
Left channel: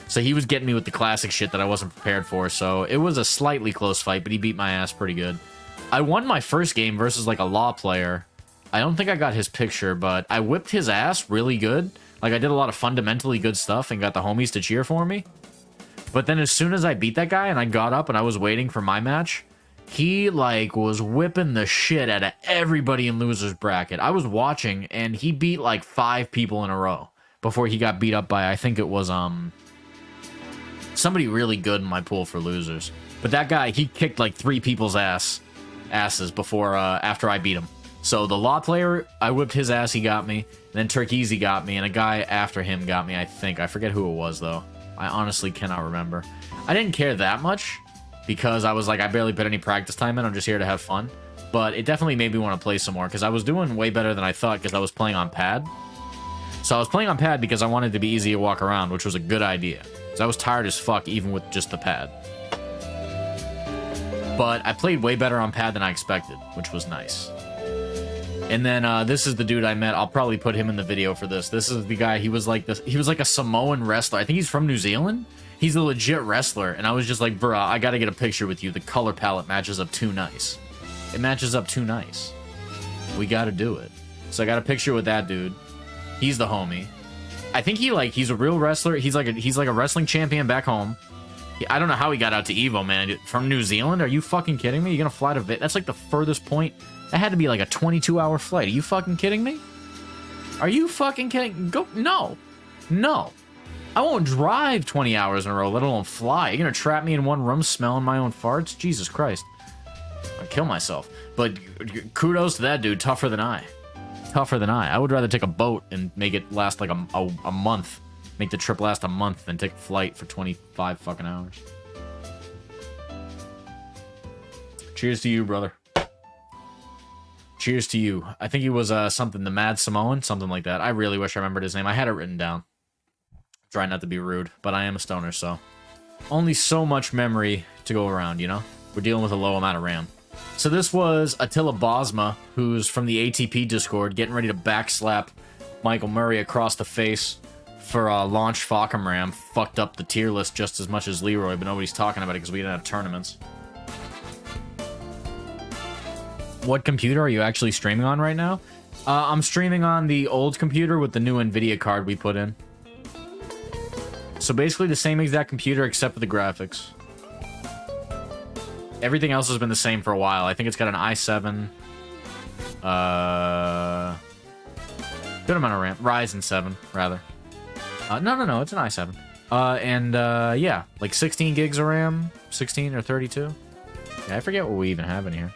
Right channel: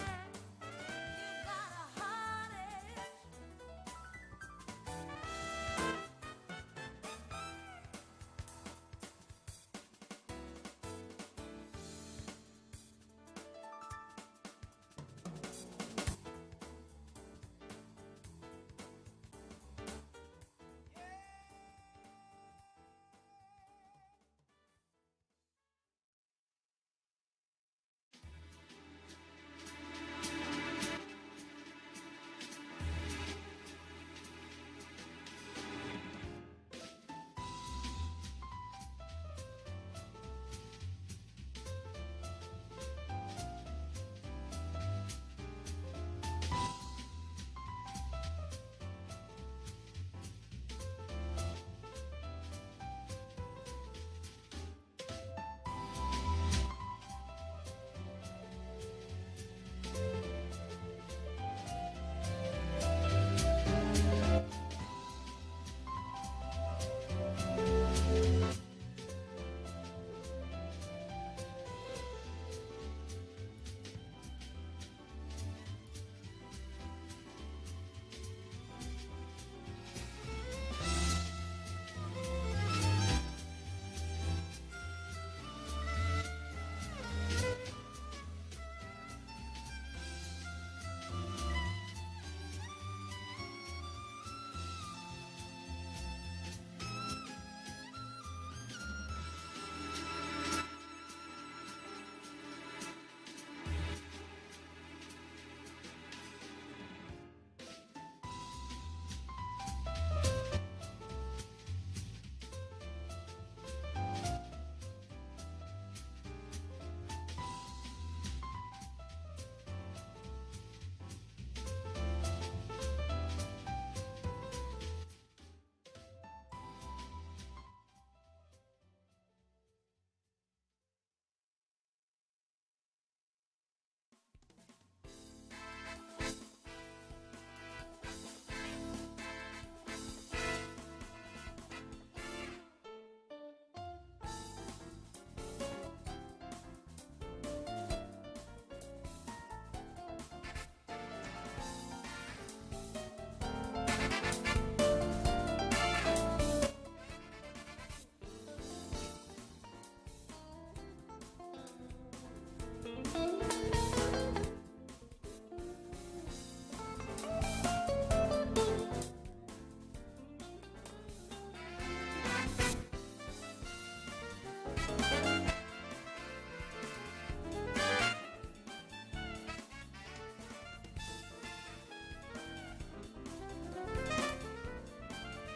So he was getting me with the classic shit that I wasn't prepared for. So it was a slightly close fight, but he beat my ass pretty good. I won my first game versus like a law player. I don't think I got his picture, but I whipped his ass really good. Like I did a lot of fundamentally good stuff and got the homies to cheer for me. But then as soon as I beat that guy and I got up and I was waiting for my match, he like was whipping the shit out of everybody in loser's bracket. I was watching and he beat like 5 people in a row before he got beat up by, I think it was somebody really good in my pool for losers. But that guy, he kicked like 3 people's asses before after I beat him. So the law player, I whipped his ass, he got me. Then Turkeyzey got me, and a guy after him got me, I think. I forget who it was, though. I honestly cannot remember. I didn't care that much, because I was like, I barely put any practice time in, I'm just here to have fun. But it definitely made me want to play some more, because I was doing way better than I thought, because I was playing on pad. So I was playing on pad because I wanted to be easy to walk around, which was a good idea. Because I was tired as fuck, even with just the pad. But I played way better on pad than I expected, which was nice. And then this is the dude I met. I'll probably put him in the video for this. This is the guy. He was like a Samoan wrestler. I think he's from New Zealand. He's a legit wrestler. And I was just like, bruh, I gotta get a picture with you. The color palette matches up too nice. It matches up too nice. We gotta do it. So I got a picture with that dude. He's the homie. I think he's a real wrestler. He's like a wrestling champion back home. I don't know how he got out to Evo, man. From New Zealand? Are you fucking kidding me? You're gonna fly to That's like the furthest point. That had to be like a 22-hour flight. Are you fucking kidding me? Are you fucking kidding? No. No. I won't drive 20 hours in a row, let alone fly. You're gonna trap me in one room smelling my own farts? Jesus Christ. I'd kill myself. But kudos to that dude. Tougher than I. Tougher than I. I would rather take a boat and make it last like a month. Make the trip last a month than take a flight for 25 fucking hours. Cheers to you, brother. Cheers to you. I think he was something, the Mad Samoan, something like that. I really wish I remembered his name. I had it written down. Try not to be rude, but I am a stoner, so only so much memory to go around, you know? We're dealing with a low amount of RAM. So this was Attila Bosma, who's from the ATP Discord, getting ready to backslap Michael Murray across the face for launch Falcom Ram. Fucked up the tier list just as much as Leroy, but nobody's talking about it because we didn't have tournaments. What computer are you actually streaming on right now? I'm streaming on the old computer with the new NVIDIA card we put in. So basically the same exact computer except for the graphics. Everything else has been the same for a while. I think it's got an i7. Good amount of RAM. Ryzen 7, rather. No, it's an i7. Yeah, like 16 gigs of RAM. 16 or 32. Yeah, I forget what we even have in here.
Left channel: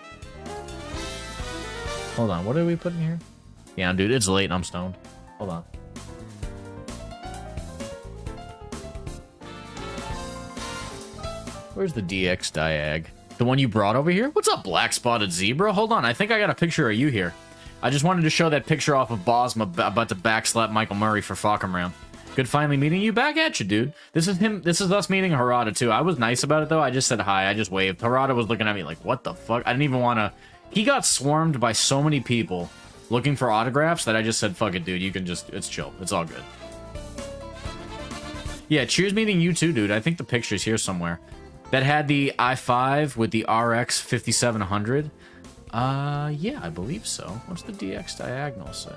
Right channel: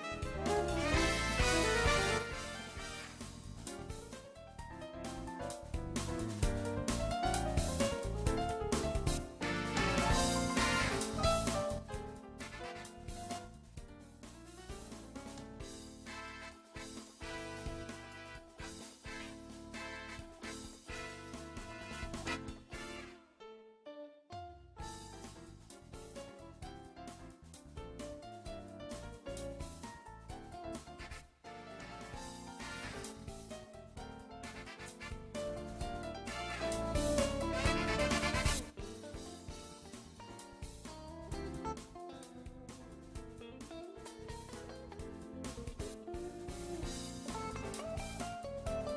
Hold on, what did we put in here? Yeah, dude, it's late and I'm stoned. Hold on. Where's the DX Diag? The one you brought over here? What's up, Black Spotted Zebra? Hold on, I think I got a picture of you here. I just wanted to show that picture off of Bosma about to backslap Michael Murray for Falcom Ram. Good finally meeting you. Back at you, dude. This is him. This is us meeting Harada, too. I was nice about it, though. I just said hi. I just waved. Harada was looking at me like, what the fuck? I didn't even want to... He got swarmed by so many people looking for autographs that I just said, fuck it, dude. You can just... It's chill. It's all good. Yeah, cheers meeting you too, dude. I think the picture's here somewhere. That had the i5 with the RX 5700. Yeah, I believe so. What's the DX diagonal say?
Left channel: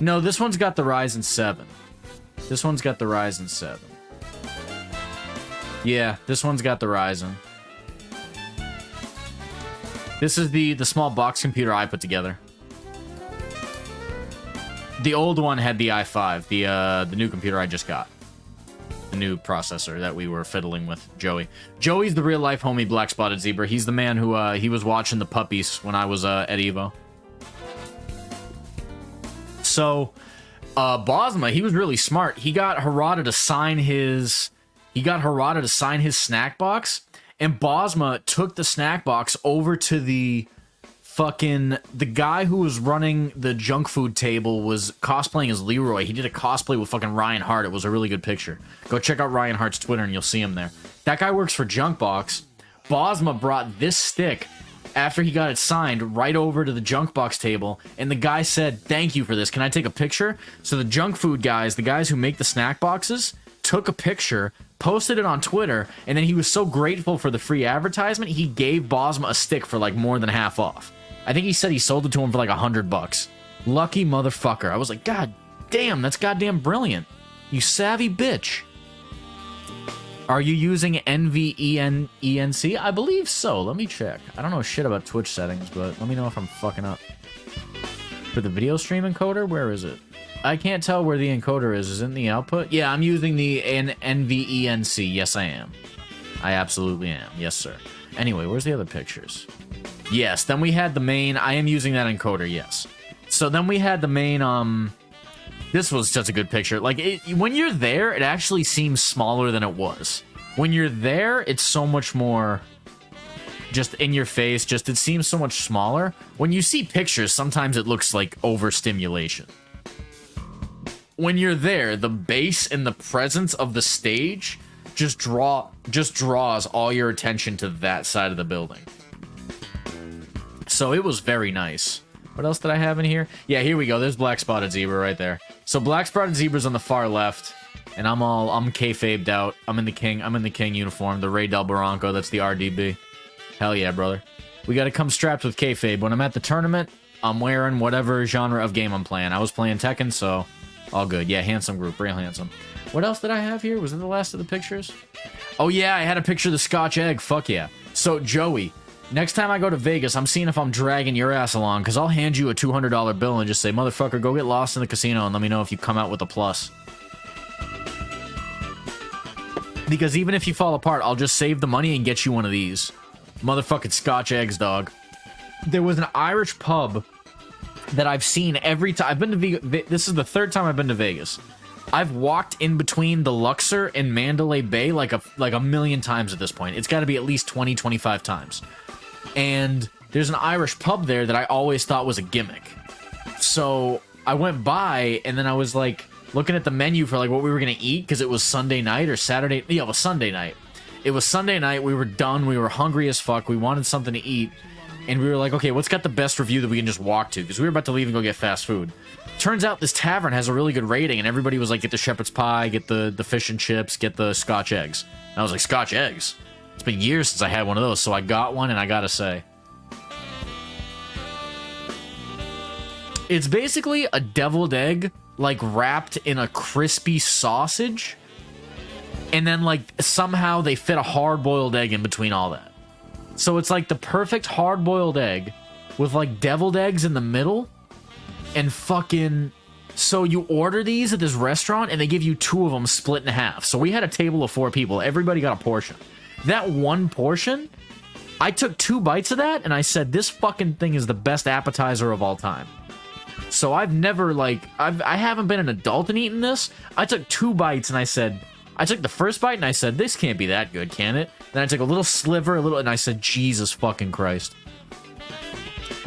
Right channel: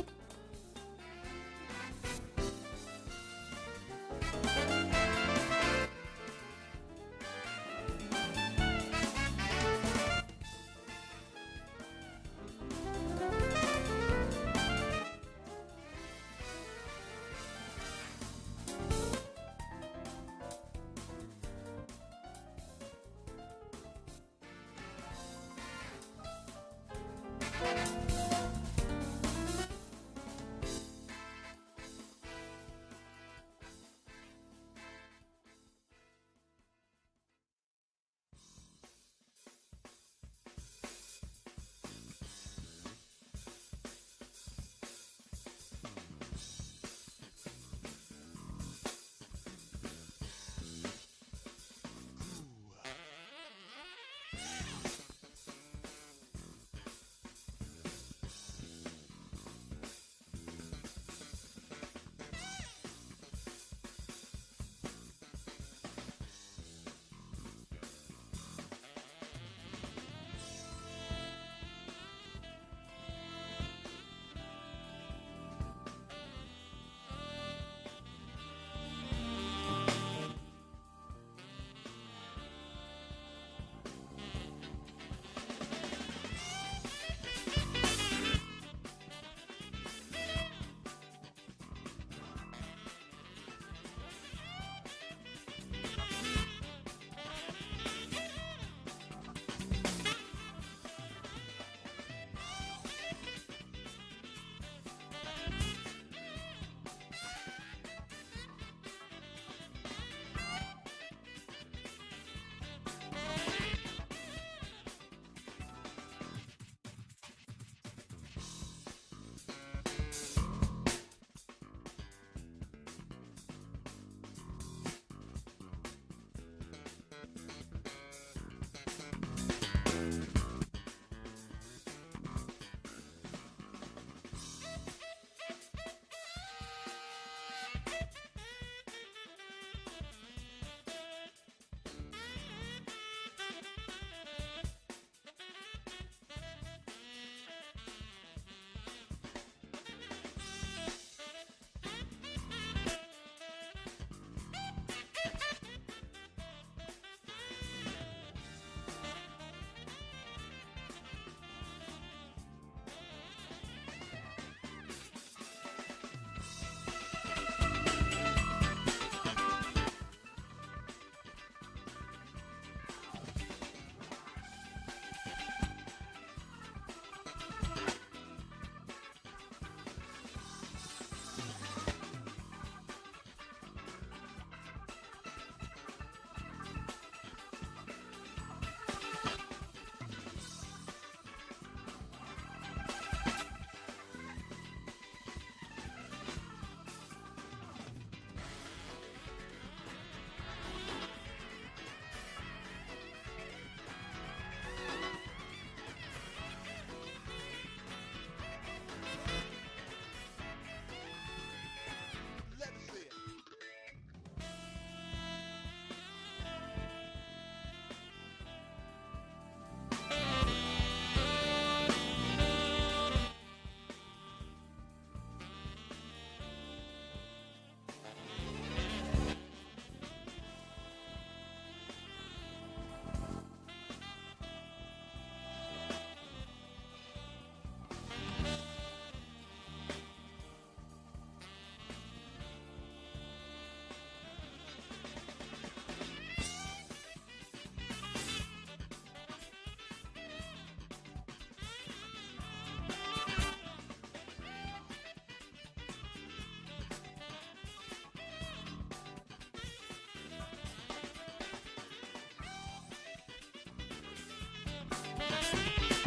No, this one's got the Ryzen 7. This one's got the Ryzen 7. Yeah, this one's got the Ryzen. This is the small box computer I put together. The old one had the i5, the new computer I just got. The new processor that we were fiddling with, Joey. Joey's the real life homie Black Spotted Zebra. He's the man who he was watching the puppies when I was at Evo. So Bosma, he was really smart. He got Harada to sign his snack box, and Bosma took the snack box over to the guy who was running the junk food table was cosplaying as Leroy. He did a cosplay with fucking Ryan Hart. It was a really good picture. Go check out Ryan Hart's Twitter and you'll see him there. That guy works for Junkbox. Bosma brought this stick after he got it signed right over to the Junkbox table, and the guy said, "Thank you for this. Can I take a picture?" So the junk food guys, the guys who make the snack boxes, took a picture, posted it on Twitter, and then he was so grateful for the free advertisement, he gave Bosma a stick for like more than half off. I think he said he sold it to him for like $100. Lucky motherfucker. I was like, God damn, that's goddamn brilliant. You savvy bitch. Are you using NVENC? I believe so. Let me check. I don't know shit about Twitch settings, but let me know if I'm fucking up. For the video stream encoder, where is it? I can't tell where the encoder is. Is it in the output? Yeah, I'm using the NVENC. Yes, I am. I absolutely am. Yes, sir. Anyway, where's the other pictures? Yes, then we had the main... I am using that encoder, yes. So then we had the main... This was such a good picture. Like, when you're there, it actually seems smaller than it was. When you're there, it's so much more... just in your face. Just, it seems so much smaller. When you see pictures, sometimes it looks like overstimulation. When you're there, the base and the presence of the stage just draws all your attention to that side of the building. So it was very nice. What else did I have in here? Yeah, here we go. There's Black Spotted Zebra right there. So Black Spotted Zebra's on the far left, and I'm kayfabed out. I'm in the king uniform, the Ray Del Barranco. That's the RDB. Hell yeah, brother. We got to come strapped with kayfabe. When I'm at the tournament, I'm wearing whatever genre of game I'm playing. I was playing Tekken, so all good. Yeah, handsome group, real handsome. What else did I have here? Was it the last of the pictures? Oh yeah, I had a picture of the Scotch egg. Fuck yeah. So Joey, next time I go to Vegas, I'm seeing if I'm dragging your ass along, because I'll hand you a $200 bill and just say, motherfucker, go get lost in the casino and let me know if you come out with a plus. Because even if you fall apart, I'll just save the money and get you one of these. Motherfucking Scotch eggs, dog. There was an Irish pub that I've seen every time. I've been to Vegas. This is the third time I've been to Vegas. I've walked in between the Luxor and Mandalay Bay like a million times at this point. It's got to be at least 20, 25 times. And there's an Irish pub there that I always thought was a gimmick. So I went by, and then I was like looking at the menu for like what we were gonna eat, because it was Sunday night or Saturday. Yeah, it was Sunday night. It was Sunday night. We were done. We were hungry as fuck. We wanted something to eat. And we were like, okay, what's got the best review that we can just walk to? Because we were about to leave and go get fast food. Turns out this tavern has a really good rating, and everybody was like, get the shepherd's pie, get the fish and chips, get the Scotch eggs. And I was like, Scotch eggs? It's been years since I had one of those, so I got one, and I gotta say, it's basically a deviled egg, like, wrapped in a crispy sausage, and then, like, somehow they fit a hard-boiled egg in between all that. So it's like the perfect hard-boiled egg with like deviled eggs in the middle, and fucking... So you order these at this restaurant and they give you 2 of them split in half. So we had a table of 4 people. Everybody got a portion. That one portion, I took 2 bites of that and I said, this fucking thing is the best appetizer of all time. So I've never like... I haven't been an adult and eaten this. I took 2 bites and I said... I took the first bite and I said, this can't be that good, can it? Then I took a little sliver, and I said, Jesus fucking Christ.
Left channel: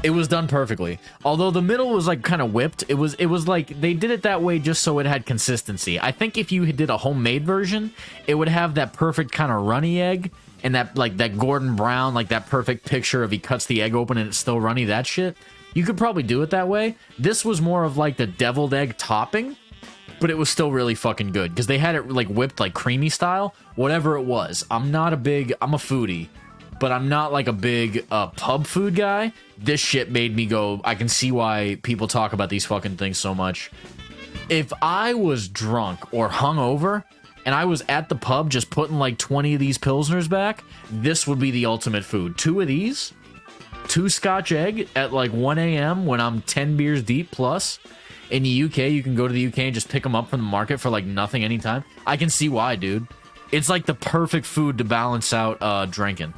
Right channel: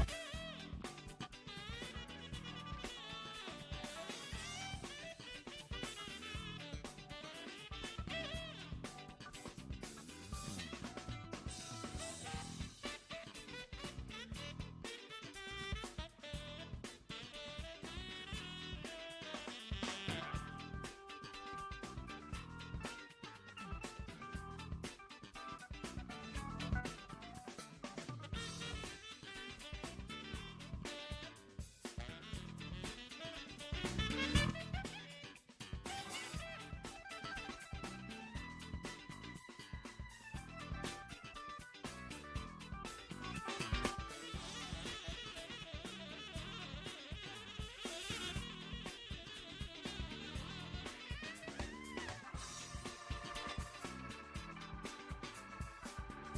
It was done perfectly. Although the middle was like kind of whipped. It was like they did it that way just so it had consistency. I think if you did a homemade version, it would have that perfect kind of runny egg, and that like that Gordon Brown, like that perfect picture of he cuts the egg open and it's still runny, that shit. You could probably do it that way. This was more of like the deviled egg topping, but it was still really fucking good because they had it like whipped like creamy style, whatever it was. I'm a foodie, but I'm not like a big pub food guy. This shit made me go, I can see why people talk about these fucking things so much. If I was drunk or hungover and I was at the pub just putting like 20 of these pilsners back, this would be the ultimate food. 2 of these, 2 Scotch egg at like 1 a.m. when I'm 10 beers deep plus. In the UK, you can go to the UK and just pick them up from the market for like nothing anytime. I can see why, dude. It's like the perfect food to balance out drinking.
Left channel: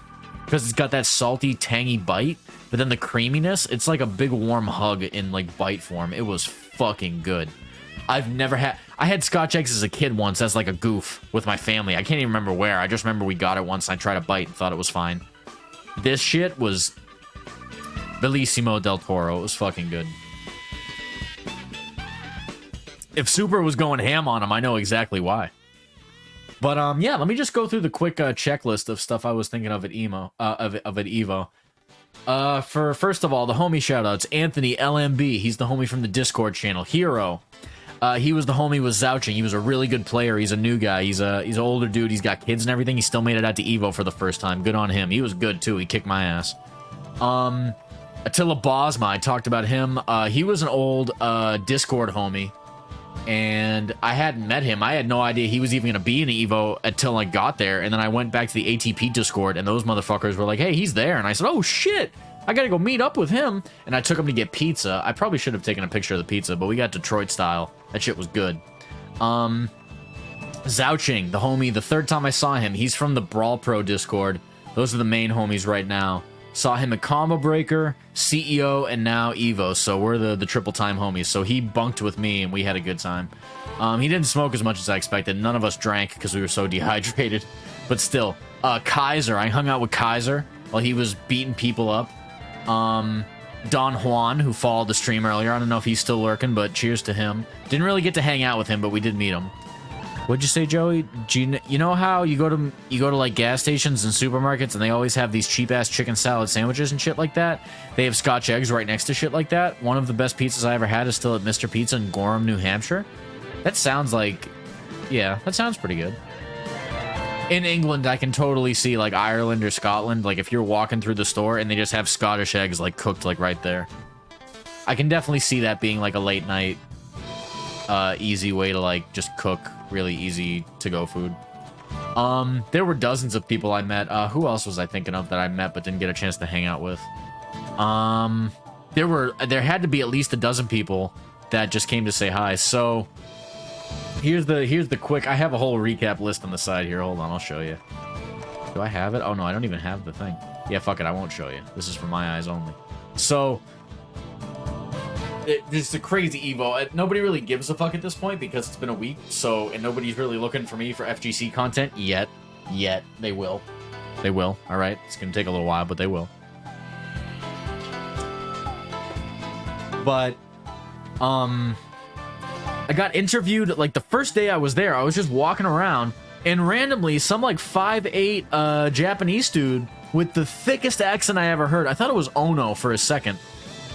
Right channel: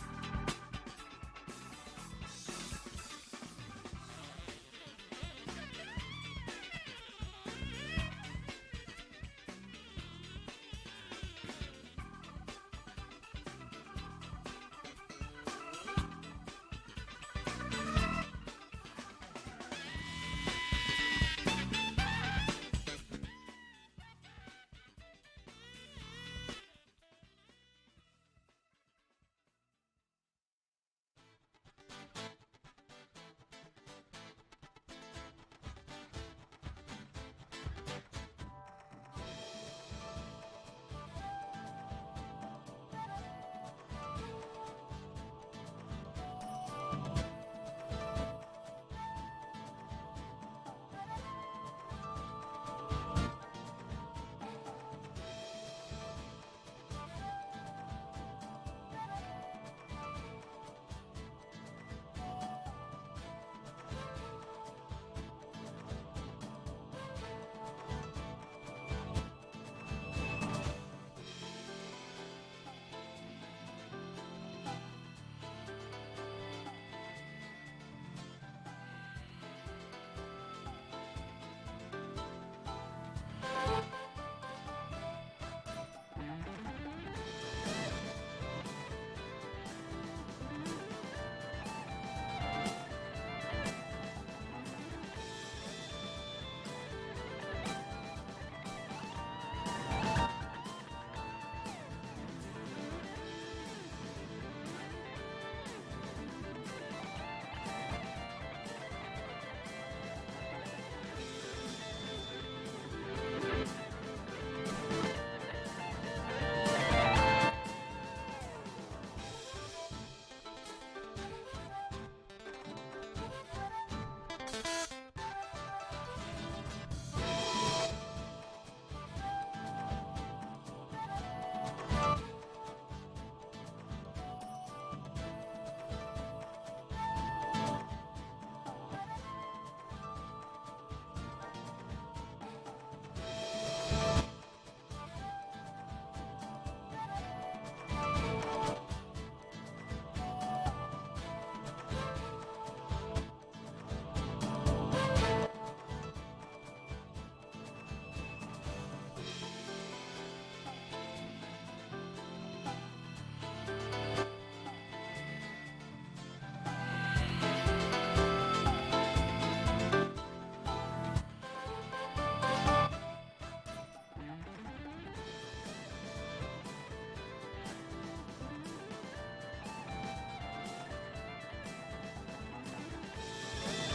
Because it's got that salty, tangy bite, but then the creaminess, it's like a big warm hug in like bite form. It was fucking good. I had Scotch eggs as a kid once as like a goof with my family. I can't even remember where. I just remember we got it once and I tried a bite and thought it was fine. This shit was Bellissimo del Toro. It was fucking good. If Super was going ham on him, I know exactly why. But yeah, let me just go through the quick checklist of stuff I was thinking of at Evo. For first of all, the homie shoutouts: Anthony LMB, he's the homie from the Discord channel. Hero, he was the homie with Zouching. He was a really good player. He's a new guy. He's an older dude. He's got kids and everything. He still made it out to Evo for the first time. Good on him. He was good too. He kicked my ass. Attila Bosma, I talked about him. He was an old Discord homie. And I hadn't met him. I had no idea he was even going to be in Evo until I got there. And then I went back to the ATP Discord, and those motherfuckers were like, hey, he's there. And I said, oh, shit, I got to go meet up with him. And I took him to get pizza. I probably should have taken a picture of the pizza, but we got Detroit style. That shit was good. Zouching, the homie, the third time I saw him, he's from the Brawl Pro Discord. Those are the main homies right now. Saw him at Combo Breaker, CEO, and now Evo, so we're the triple time homies. So he bunked with me, and we had a good time. He didn't smoke as much as I expected. None of us drank because we were so dehydrated. But still, Kaiser, I hung out with Kaiser while he was beating people up. Don Juan, who followed the stream earlier. I don't know if he's still lurking, but cheers to him. Didn't really get to hang out with him, but we did meet him. What'd you say, Joey? You know how you go to like gas stations and supermarkets and they always have these cheap ass chicken salad sandwiches and shit like that? They have Scotch eggs right next to shit like that. One of the best pizzas I ever had is still at Mr. Pizza in Gorham, New Hampshire. That sounds like, yeah, that sounds pretty good. In England, I can totally see like Ireland or Scotland, like if you're walking through the store and they just have Scottish eggs like cooked like right there. I can definitely see that being like a late night easy way to like just cook really easy to go food. There were dozens of people I met. Who else was I thinking of that I met but didn't get a chance to hang out with? There had to be at least a dozen people that just came to say hi. So here's the quick, I have a whole recap list on the side here. Hold on, I'll show you. Do I have it? Oh no, I don't even have the thing. Yeah, fuck it, I won't show you. This is for my eyes only. So it's a crazy Evo. Nobody really gives a fuck at this point because it's been a week. So, and nobody's really looking for me for FGC content yet. They will. They will. All right. It's going to take a little while, but they will. But, I got interviewed, like, the first day I was there, I was just walking around, and randomly, some, like, 5'8", Japanese dude with the thickest accent I ever heard. I thought it was Ono for a second.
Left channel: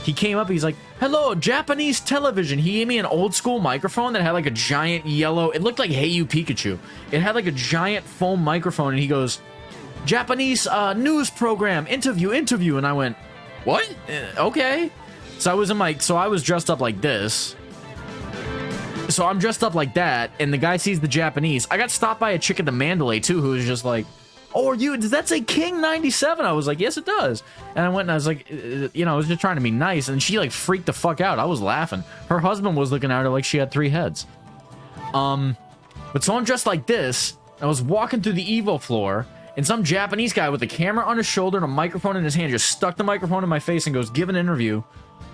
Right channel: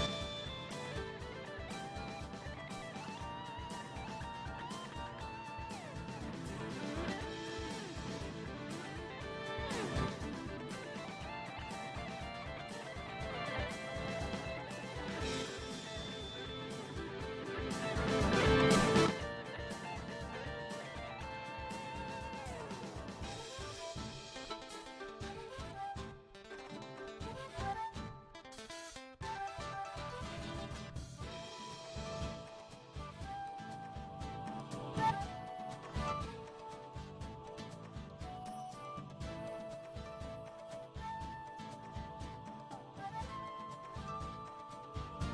He came up, he's like, hello, Japanese television. He gave me an old school microphone that had like a giant yellow, it looked like Hey You Pikachu. It had like a giant foam microphone, and he goes, Japanese news program, interview. And I went, what? Okay. So I was dressed up like this. So I'm dressed up like that, and the guy sees the Japanese. I got stopped by a chick at the Mandalay too, who was just like, oh, does that say King 97? I was like, yes, it does. And I went and I was like, I was just trying to be nice. And she like freaked the fuck out. I was laughing. Her husband was looking at her like she had 3 heads. But so I'm dressed like this. I was walking through the Evo floor, and some Japanese guy with a camera on his shoulder and a microphone in his hand just stuck the microphone in my face and goes, give an interview.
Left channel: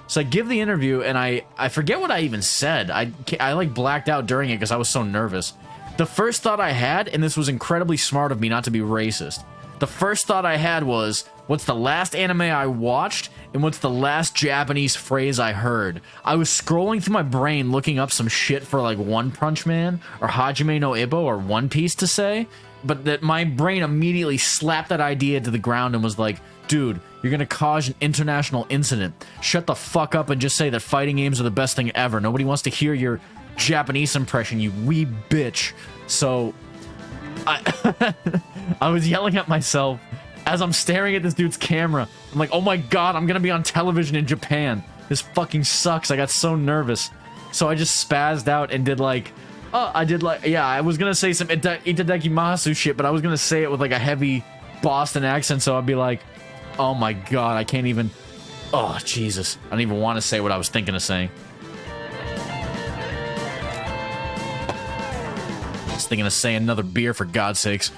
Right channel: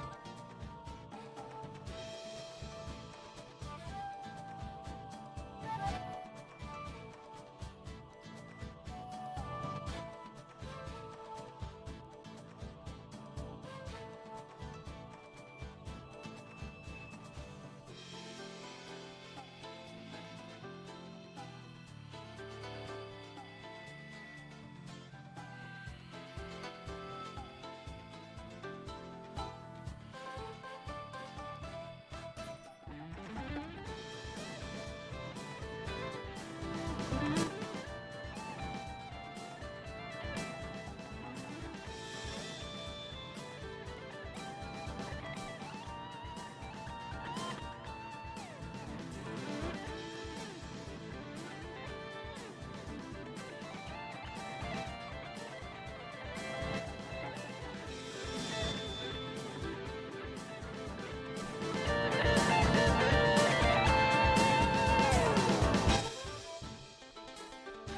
So I give the interview, and I forget what I even said. I like blacked out during it because I was so nervous. The first thought I had, and this was incredibly smart of me not to be racist, the first thought I had was, what's the last anime I watched, and what's the last Japanese phrase I heard? I was scrolling through my brain looking up some shit for like One Punch Man, or Hajime no Ippo, or One Piece to say, but that my brain immediately slapped that idea to the ground and was like, dude, you're gonna cause an international incident. Shut the fuck up and just say that fighting games are the best thing ever. Nobody wants to hear your Japanese impression, you wee bitch. So I I was yelling at myself as I'm staring at this dude's camera. I'm like, oh my god, I'm gonna be on television in Japan. This fucking sucks. I got so nervous. So I just spazzed out and did like, yeah, I was gonna say some itadakimasu shit, but I was gonna say it with like a heavy Boston accent, so I'd be like, oh my god, I can't even, oh Jesus. I don't even want to say what I was thinking of saying. Just thinking of saying another beer, for God's sakes.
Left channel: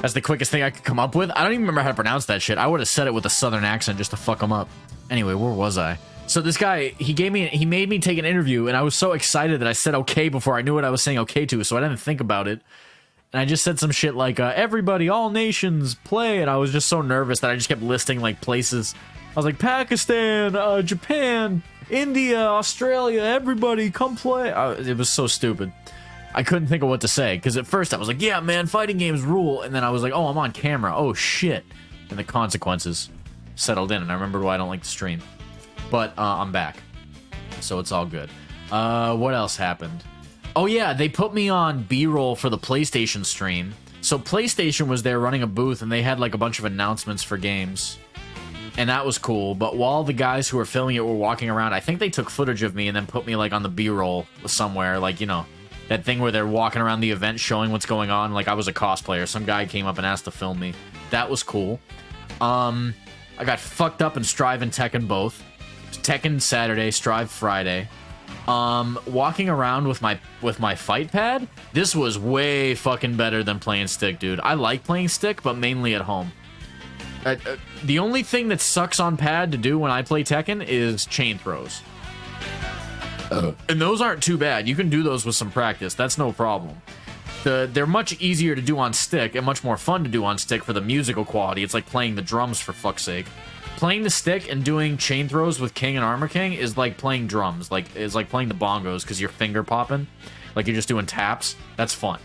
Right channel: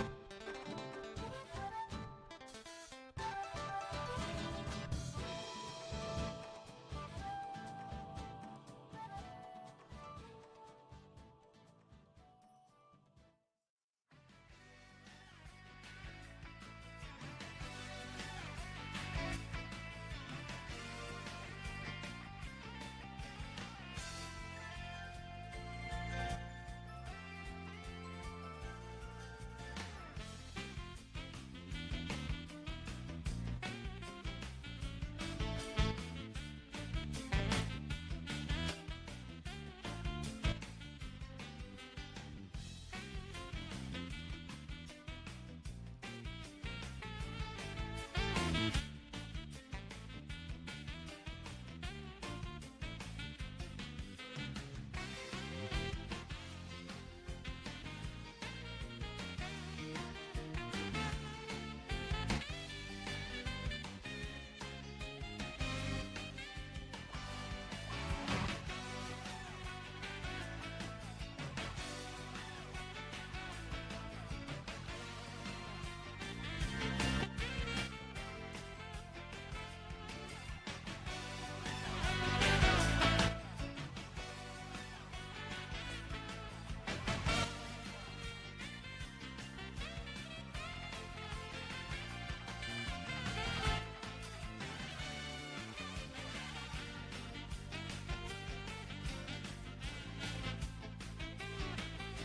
That's the quickest thing I could come up with. I don't even remember how to pronounce that shit. I would have said it with a southern accent just to fuck him up. Anyway, where was I? So this guy, he made me take an interview, and I was so excited that I said okay before I knew what I was saying okay to, so I didn't think about it. And I just said some shit like, everybody, all nations, play, and I was just so nervous that I just kept listing, like, places. I was like, Pakistan, Japan, India, Australia, everybody, come play. It was so stupid. I couldn't think of what to say, because at first I was like, yeah, man, fighting games rule, and then I was like, oh, I'm on camera, oh, shit. And the consequences settled in, and I remembered why I don't like to stream. But I'm back, so it's all good. What else happened? Oh yeah, they put me on B-roll for the PlayStation stream. So PlayStation was there running a booth, and they had like a bunch of announcements for games, and that was cool. But while the guys who were filming it were walking around, I think they took footage of me and then put me like on the B-roll somewhere, like, you know, that thing where they're walking around the event showing what's going on. Like I was a cosplayer. Some guy came up and asked to film me. That was cool. I got fucked up in Strive and Tekken both. Tekken Saturday, Strive Friday. Walking around with my fight pad, this was way fucking better than playing stick, dude. I like playing stick, but mainly at home. The only thing that sucks on pad to do when I play Tekken is chain throws. And those aren't too bad. You can do those with some practice. That's no problem. They're much easier to do on stick and much more fun to do on stick for the musical quality. It's like playing the drums, for fuck's sake. Playing the stick and doing chain throws with King and Armor King is like playing drums. It's like playing the bongos because you're finger popping. Like you're just doing taps. That's fun.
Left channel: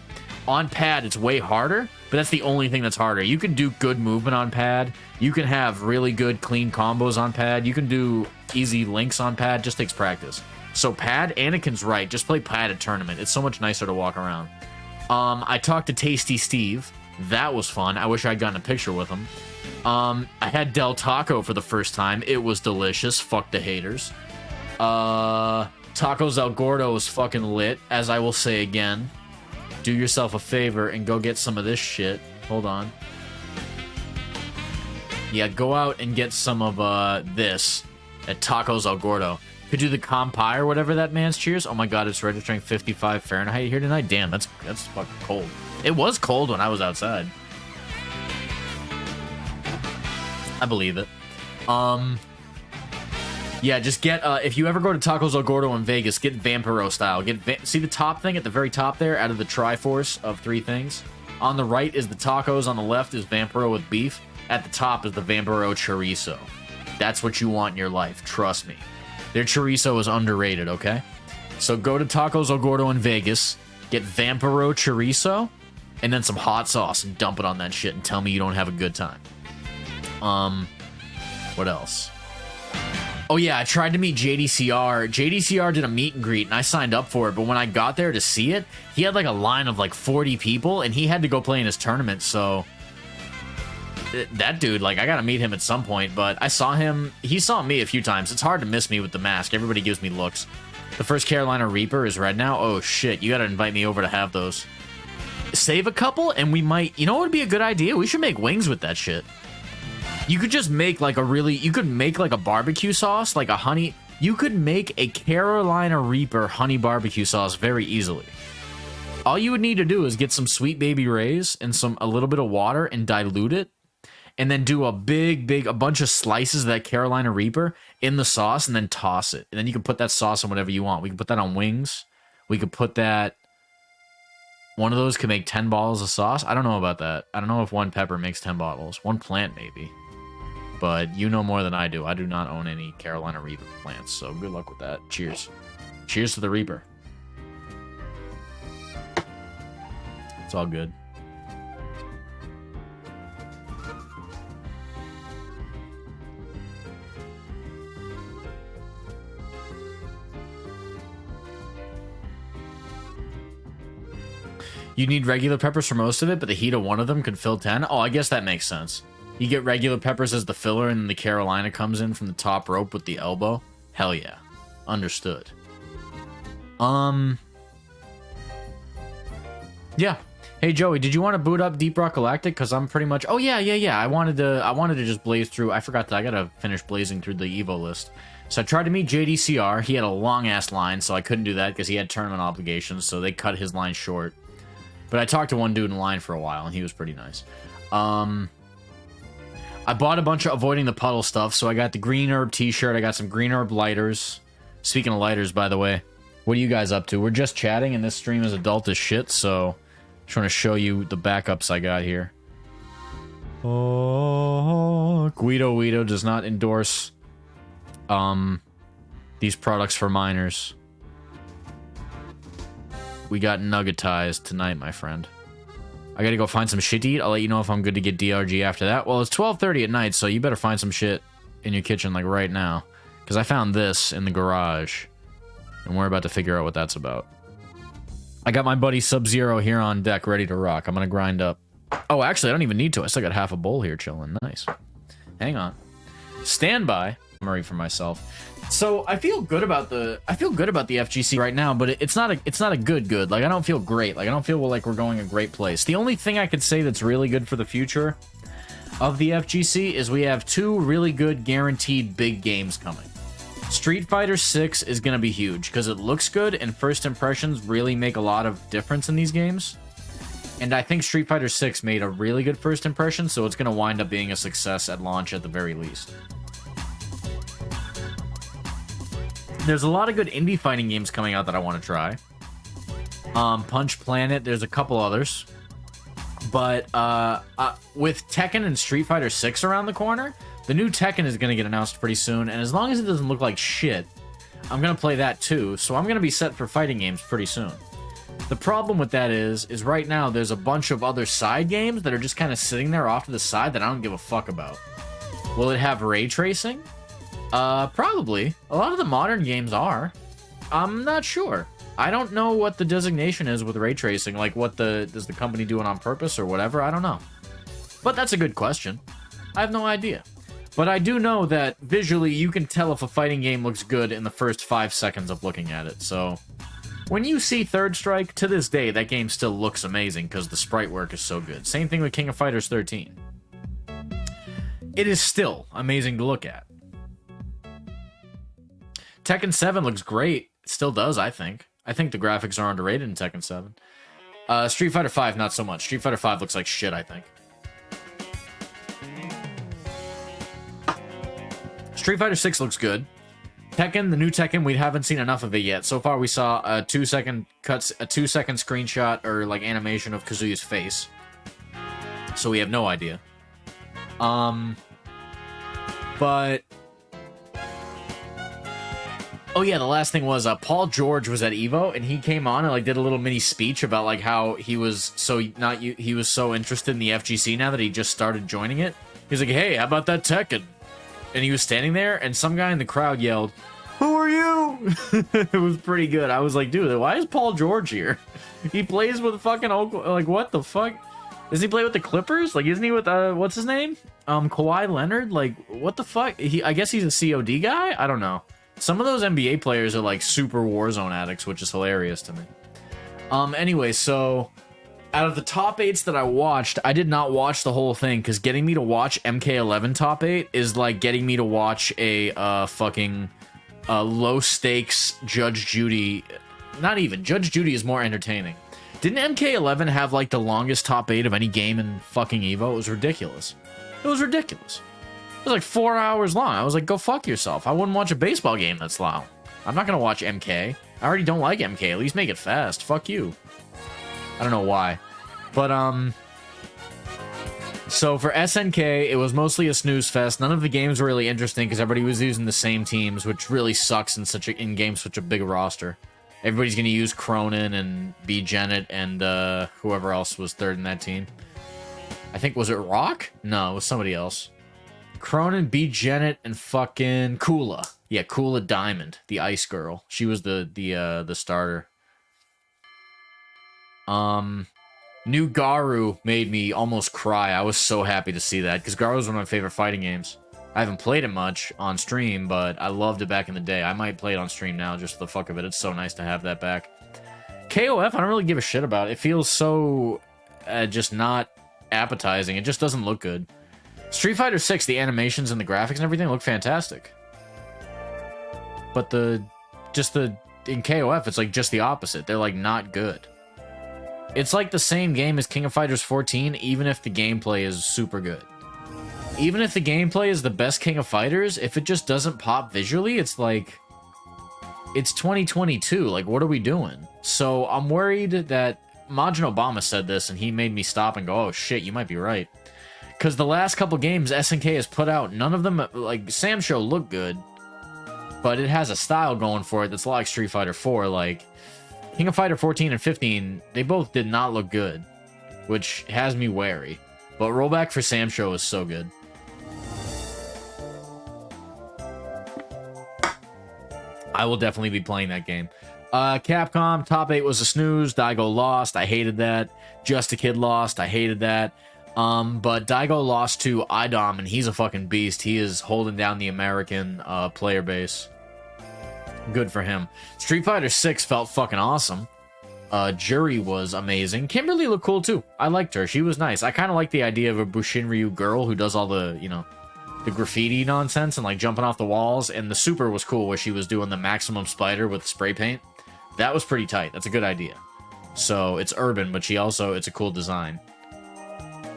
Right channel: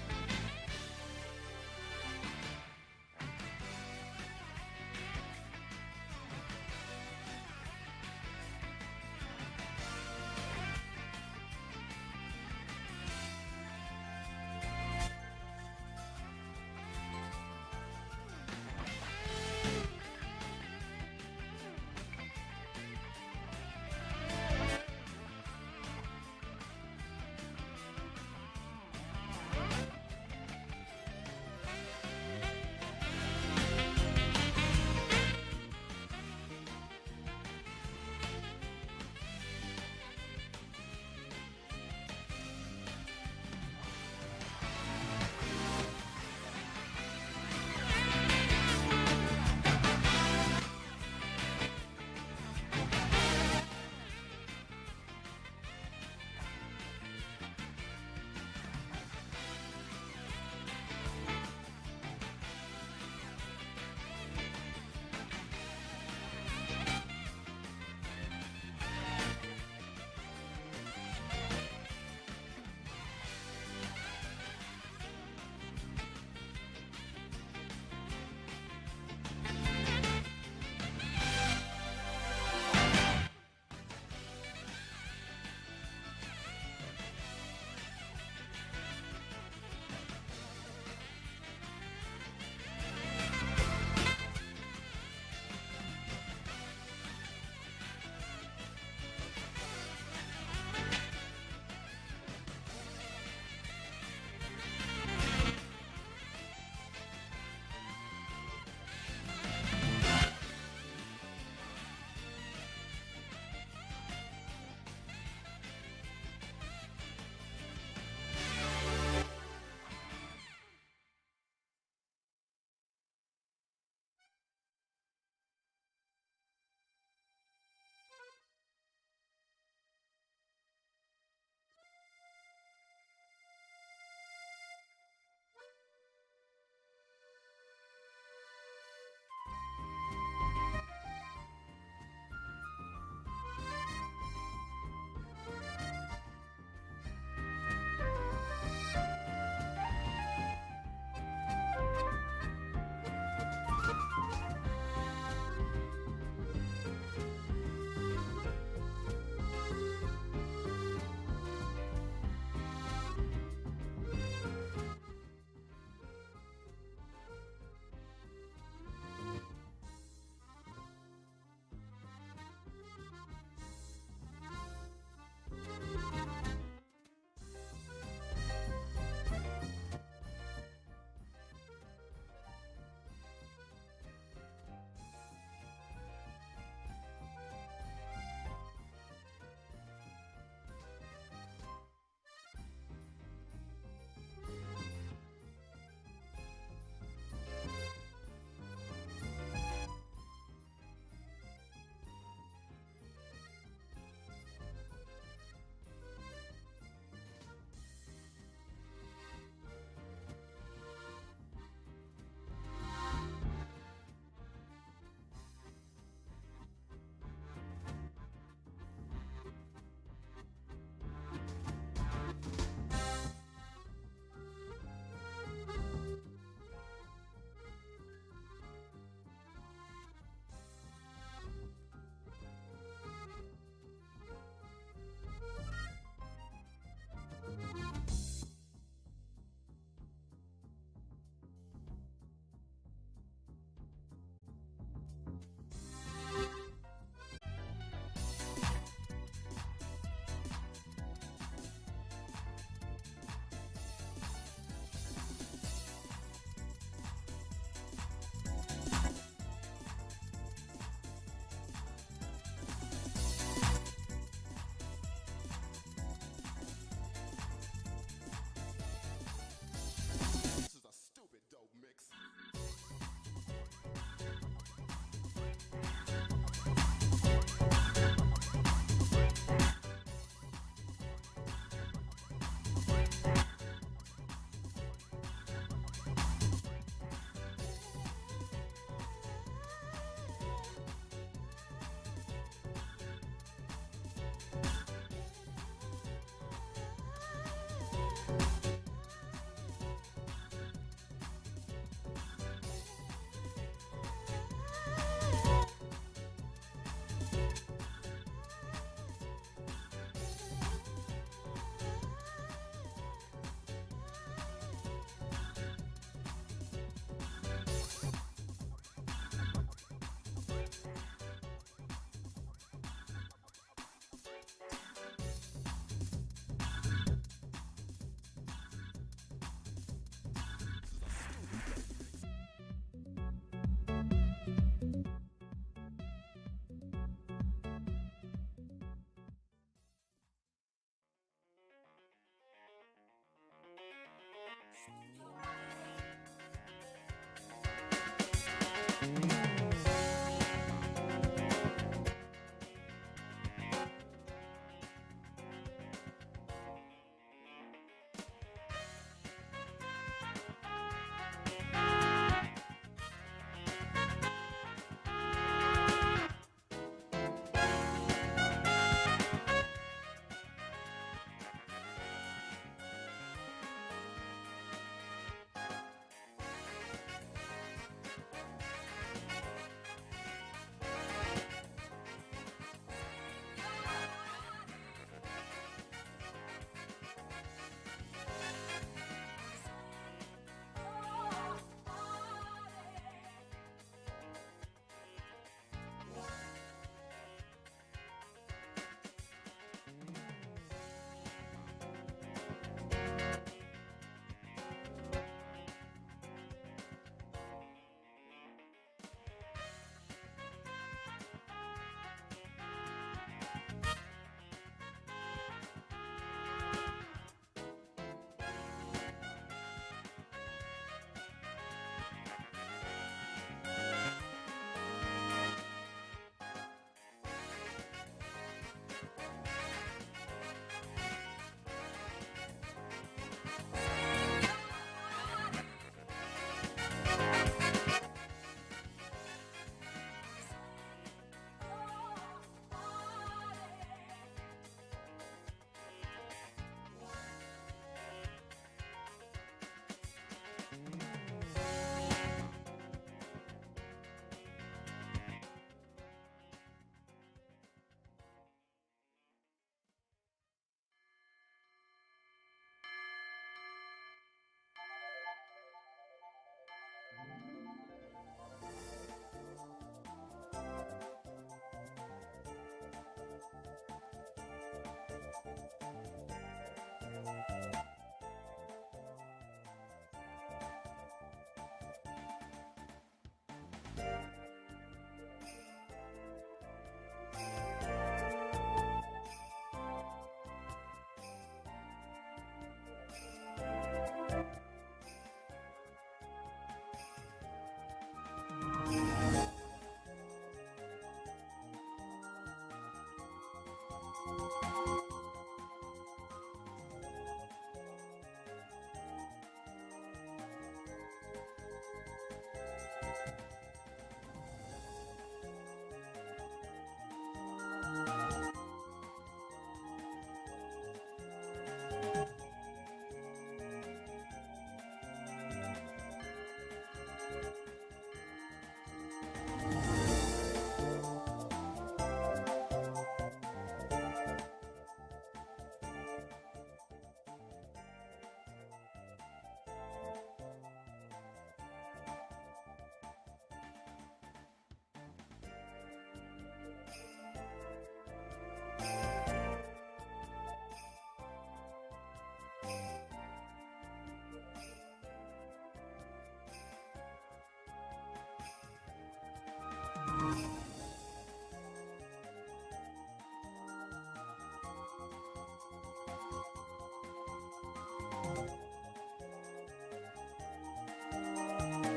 On pad, it's way harder, but that's the only thing that's harder. You can do good movement on pad. You can have really good, clean combos on pad. You can do easy links on pad. Just takes practice. So pad, Anakin's right. Just play pad at tournament. It's so much nicer to walk around. I talked to Tasty Steve. That was fun. I wish I'd gotten a picture with him. I had Del Taco for the first time. It was delicious. Fuck the haters. Tacos El Gordo was fucking lit, as I will say again. Do yourself a favor and go get some of this shit. Hold on. Yeah, go out and get some of this at Tacos El Gordo. Could do the Compai or whatever that man's cheers. Oh my god, it's registering 55 Fahrenheit here tonight. Damn, that's fucking cold. It was cold when I was outside. I believe it. Yeah, just get, if you ever go to Tacos El Gordo in Vegas, get Vampiro style. See the top thing at the very top there, out of the Triforce of 3 things? On the right is the tacos, on the left is Vampiro with beef. At the top is the Vampiro chorizo. That's what you want in your life, trust me. Their chorizo is underrated, okay? So go to Tacos El Gordo in Vegas, get Vampiro chorizo, and then some hot sauce, and dump it on that shit, and tell me you don't have a good time. What else? Oh yeah, I tried to meet JDCR. JDCR did a meet and greet, and I signed up for it, but when I got there to see it, he had like a line of like 40 people, and he had to go play in his tournament, so... That dude, like, I gotta meet him at some point, but I saw him... He saw me a few times. It's hard to miss me with the mask. Everybody gives me looks. The first Carolina Reaper is red now? Oh, shit. You gotta invite me over to have those. Save a couple, and we might... You know what would be a good idea? We should make wings with that shit. You could just make, like, a really... You could make, like, a barbecue sauce, like a honey... You could make a Carolina Reaper honey barbecue sauce very easily. All you would need to do is get some Sweet Baby Ray's and a little bit of water and dilute it. And then do a bunch of slices of that Carolina Reaper in the sauce and then toss it. And then you can put that sauce on whatever you want. We can put that on wings. We could put that... One of those could make 10 bottles of sauce. I don't know about that. I don't know if one pepper makes 10 bottles. One plant, maybe. But you know more than I do. I do not own any Carolina Reaper plants, so good luck with that. Cheers. Cheers to the Reaper. It's all good. You need regular peppers for most of it, but the heat of one of them could fill 10. Oh, I guess that makes sense. You get regular peppers as the filler, and then the Carolina comes in from the top rope with the elbow. Hell yeah. Understood. Yeah. Hey Joey, did you want to boot up Deep Rock Galactic? Because I'm pretty much. Oh yeah. I wanted to just blaze through. I forgot that I gotta finish blazing through the Evo list. So I tried to meet JDCR. He had a long ass line, so I couldn't do that because he had tournament obligations. So they cut his line short. But I talked to one dude in line for a while, and he was pretty nice. I bought a bunch of Avoiding the Puddle stuff. So I got the Green Herb T-shirt. I got some Green Herb lighters. Speaking of lighters, by the way, what are you guys up to? We're just chatting, and this stream is adult as shit. So just want to show you the backups I got here. Oh, Guido does not endorse these products for minors. We got nuggetized tonight, my friend. I gotta go find some shit to eat. I'll let you know if I'm good to get DRG after that. Well, it's 12:30 at night, so you better find some shit in your kitchen like right now, because I found this in the garage, and we're about to figure out what that's about. I got my buddy Sub-Zero here on deck, ready to rock. I'm gonna grind up. Oh, actually, I don't even need to. I still got half a bowl here chilling. Nice. Hang on. Stand by. Summary for myself. So I feel good about the FGC right now, but it's not a good. Like, I don't feel great. Like, I don't feel like we're going a great place. The only thing I could say that's really good for the future of the FGC is we have 2 really good guaranteed big games coming. Street Fighter 6 is going to be huge because it looks good, and first impressions really make a lot of difference in these games. And I think Street Fighter 6 made a really good first impression, so it's going to wind up being a success at launch at the very least. There's a lot of good indie fighting games coming out that I want to try. Punch Planet, there's a couple others. But with Tekken and Street Fighter 6 around the corner, the new Tekken is going to get announced pretty soon, and as long as it doesn't look like shit, I'm going to play that too, so I'm going to be set for fighting games pretty soon. The problem with that is right now there's a bunch of other side games that are just kind of sitting there off to the side that I don't give a fuck about. Will it have ray tracing? Probably. A lot of the modern games are. I'm not sure. I don't know what the designation is with ray tracing, like does the company do it on purpose or whatever? I don't know. But that's a good question. I have no idea. But I do know that visually you can tell if a fighting game looks good in the first 5 seconds of looking at it, so when you see Third Strike, to this day, that game still looks amazing because the sprite work is so good. Same thing with King of Fighters 13. It is still amazing to look at. Tekken 7 looks great. It still does, I think. I think the graphics are underrated in Tekken 7. Street Fighter 5, not so much. Street Fighter 5 looks like shit, I think. Street Fighter 6 looks good. Tekken, the new Tekken, we haven't seen enough of it yet. So far, we saw a 2-second screenshot or like animation of Kazuya's face. So we have no idea. But oh yeah, the last thing was Paul George was at Evo, and he came on and like did a little mini speech about like how he was so interested in the FGC now that he just started joining it. He's like, hey, how about that Tekken? And he was standing there, and some guy in the crowd yelled, "Who are you?" It was pretty good. I was like, dude, why is Paul George here? He plays with fucking Oakland. Like, what the fuck? Does he play with the Clippers? Like, isn't he with what's his name? Kawhi Leonard? Like, what the fuck? I guess he's a COD guy? I don't know. Some of those NBA players are like super Warzone addicts, which is hilarious to me. Anyway, so out of the top 8s that I watched, I did not watch the whole thing because getting me to watch MK11 top 8 is like getting me to watch a fucking low stakes Judge Judy. Not even. Judge Judy is more entertaining. Didn't MK11 have like the longest top 8 of any game in fucking Evo? It was ridiculous. It was ridiculous. It was like 4 hours long. I was like, go fuck yourself. I wouldn't watch a baseball game that's long. I'm not gonna watch MK. I already don't like MK. At least make it fast. Fuck you. I don't know why. But, so for SNK, it was mostly a snooze fest. None of the games were really interesting because everybody was using the same teams, which really sucks in games such a big roster. Everybody's going to use Cronin and B. Jennett and whoever else was third in that team. I think, was it Rock? No, it was somebody else. Cronin, B. Jennett, and fucking Kula. Yeah, Kula Diamond, the ice girl. She was the starter. New Garou made me almost cry. I was so happy to see that, because Garou is one of my favorite fighting games. I haven't played it much on stream, but I loved it back in the day. I might play it on stream now just for the fuck of it. It's so nice to have that back. KOF, I don't really give a shit about. It feels so just not appetizing. It just doesn't look good. Street Fighter 6, the animations and the graphics and everything look fantastic. But in KOF, it's like just the opposite. They're like not good. It's like the same game as King of Fighters 14, even if the gameplay is super good. Even if the gameplay is the best King of Fighters, if it just doesn't pop visually, it's like... It's 2022, like, what are we doing? So, I'm worried that... Majin Obama said this, and he made me stop and go, oh shit, you might be right. Because the last couple games SNK has put out, none of them, like, Sam Show looked good, but it has a style going for it that's like Street Fighter 4, like... King of Fighter 14 and 15, they both did not look good, which has me wary. But rollback for Sam Show is so good. I will definitely be playing that game. Capcom, top 8 was a snooze. Daigo lost. I hated that. Just a Kid lost. I hated that. But Daigo lost to Idom, and he's a fucking beast. He is holding down the American player base. Good for him. Street Fighter 6 felt fucking awesome. Jury was amazing. Kimberly looked cool too. I liked her. She was nice. I kind of like the idea of a Bushinryu girl who does all the, you know, the graffiti nonsense and like jumping off the walls. And the super was cool where she was doing the maximum spider with spray paint. That was pretty tight. That's a good idea. So it's urban, but it's a cool design.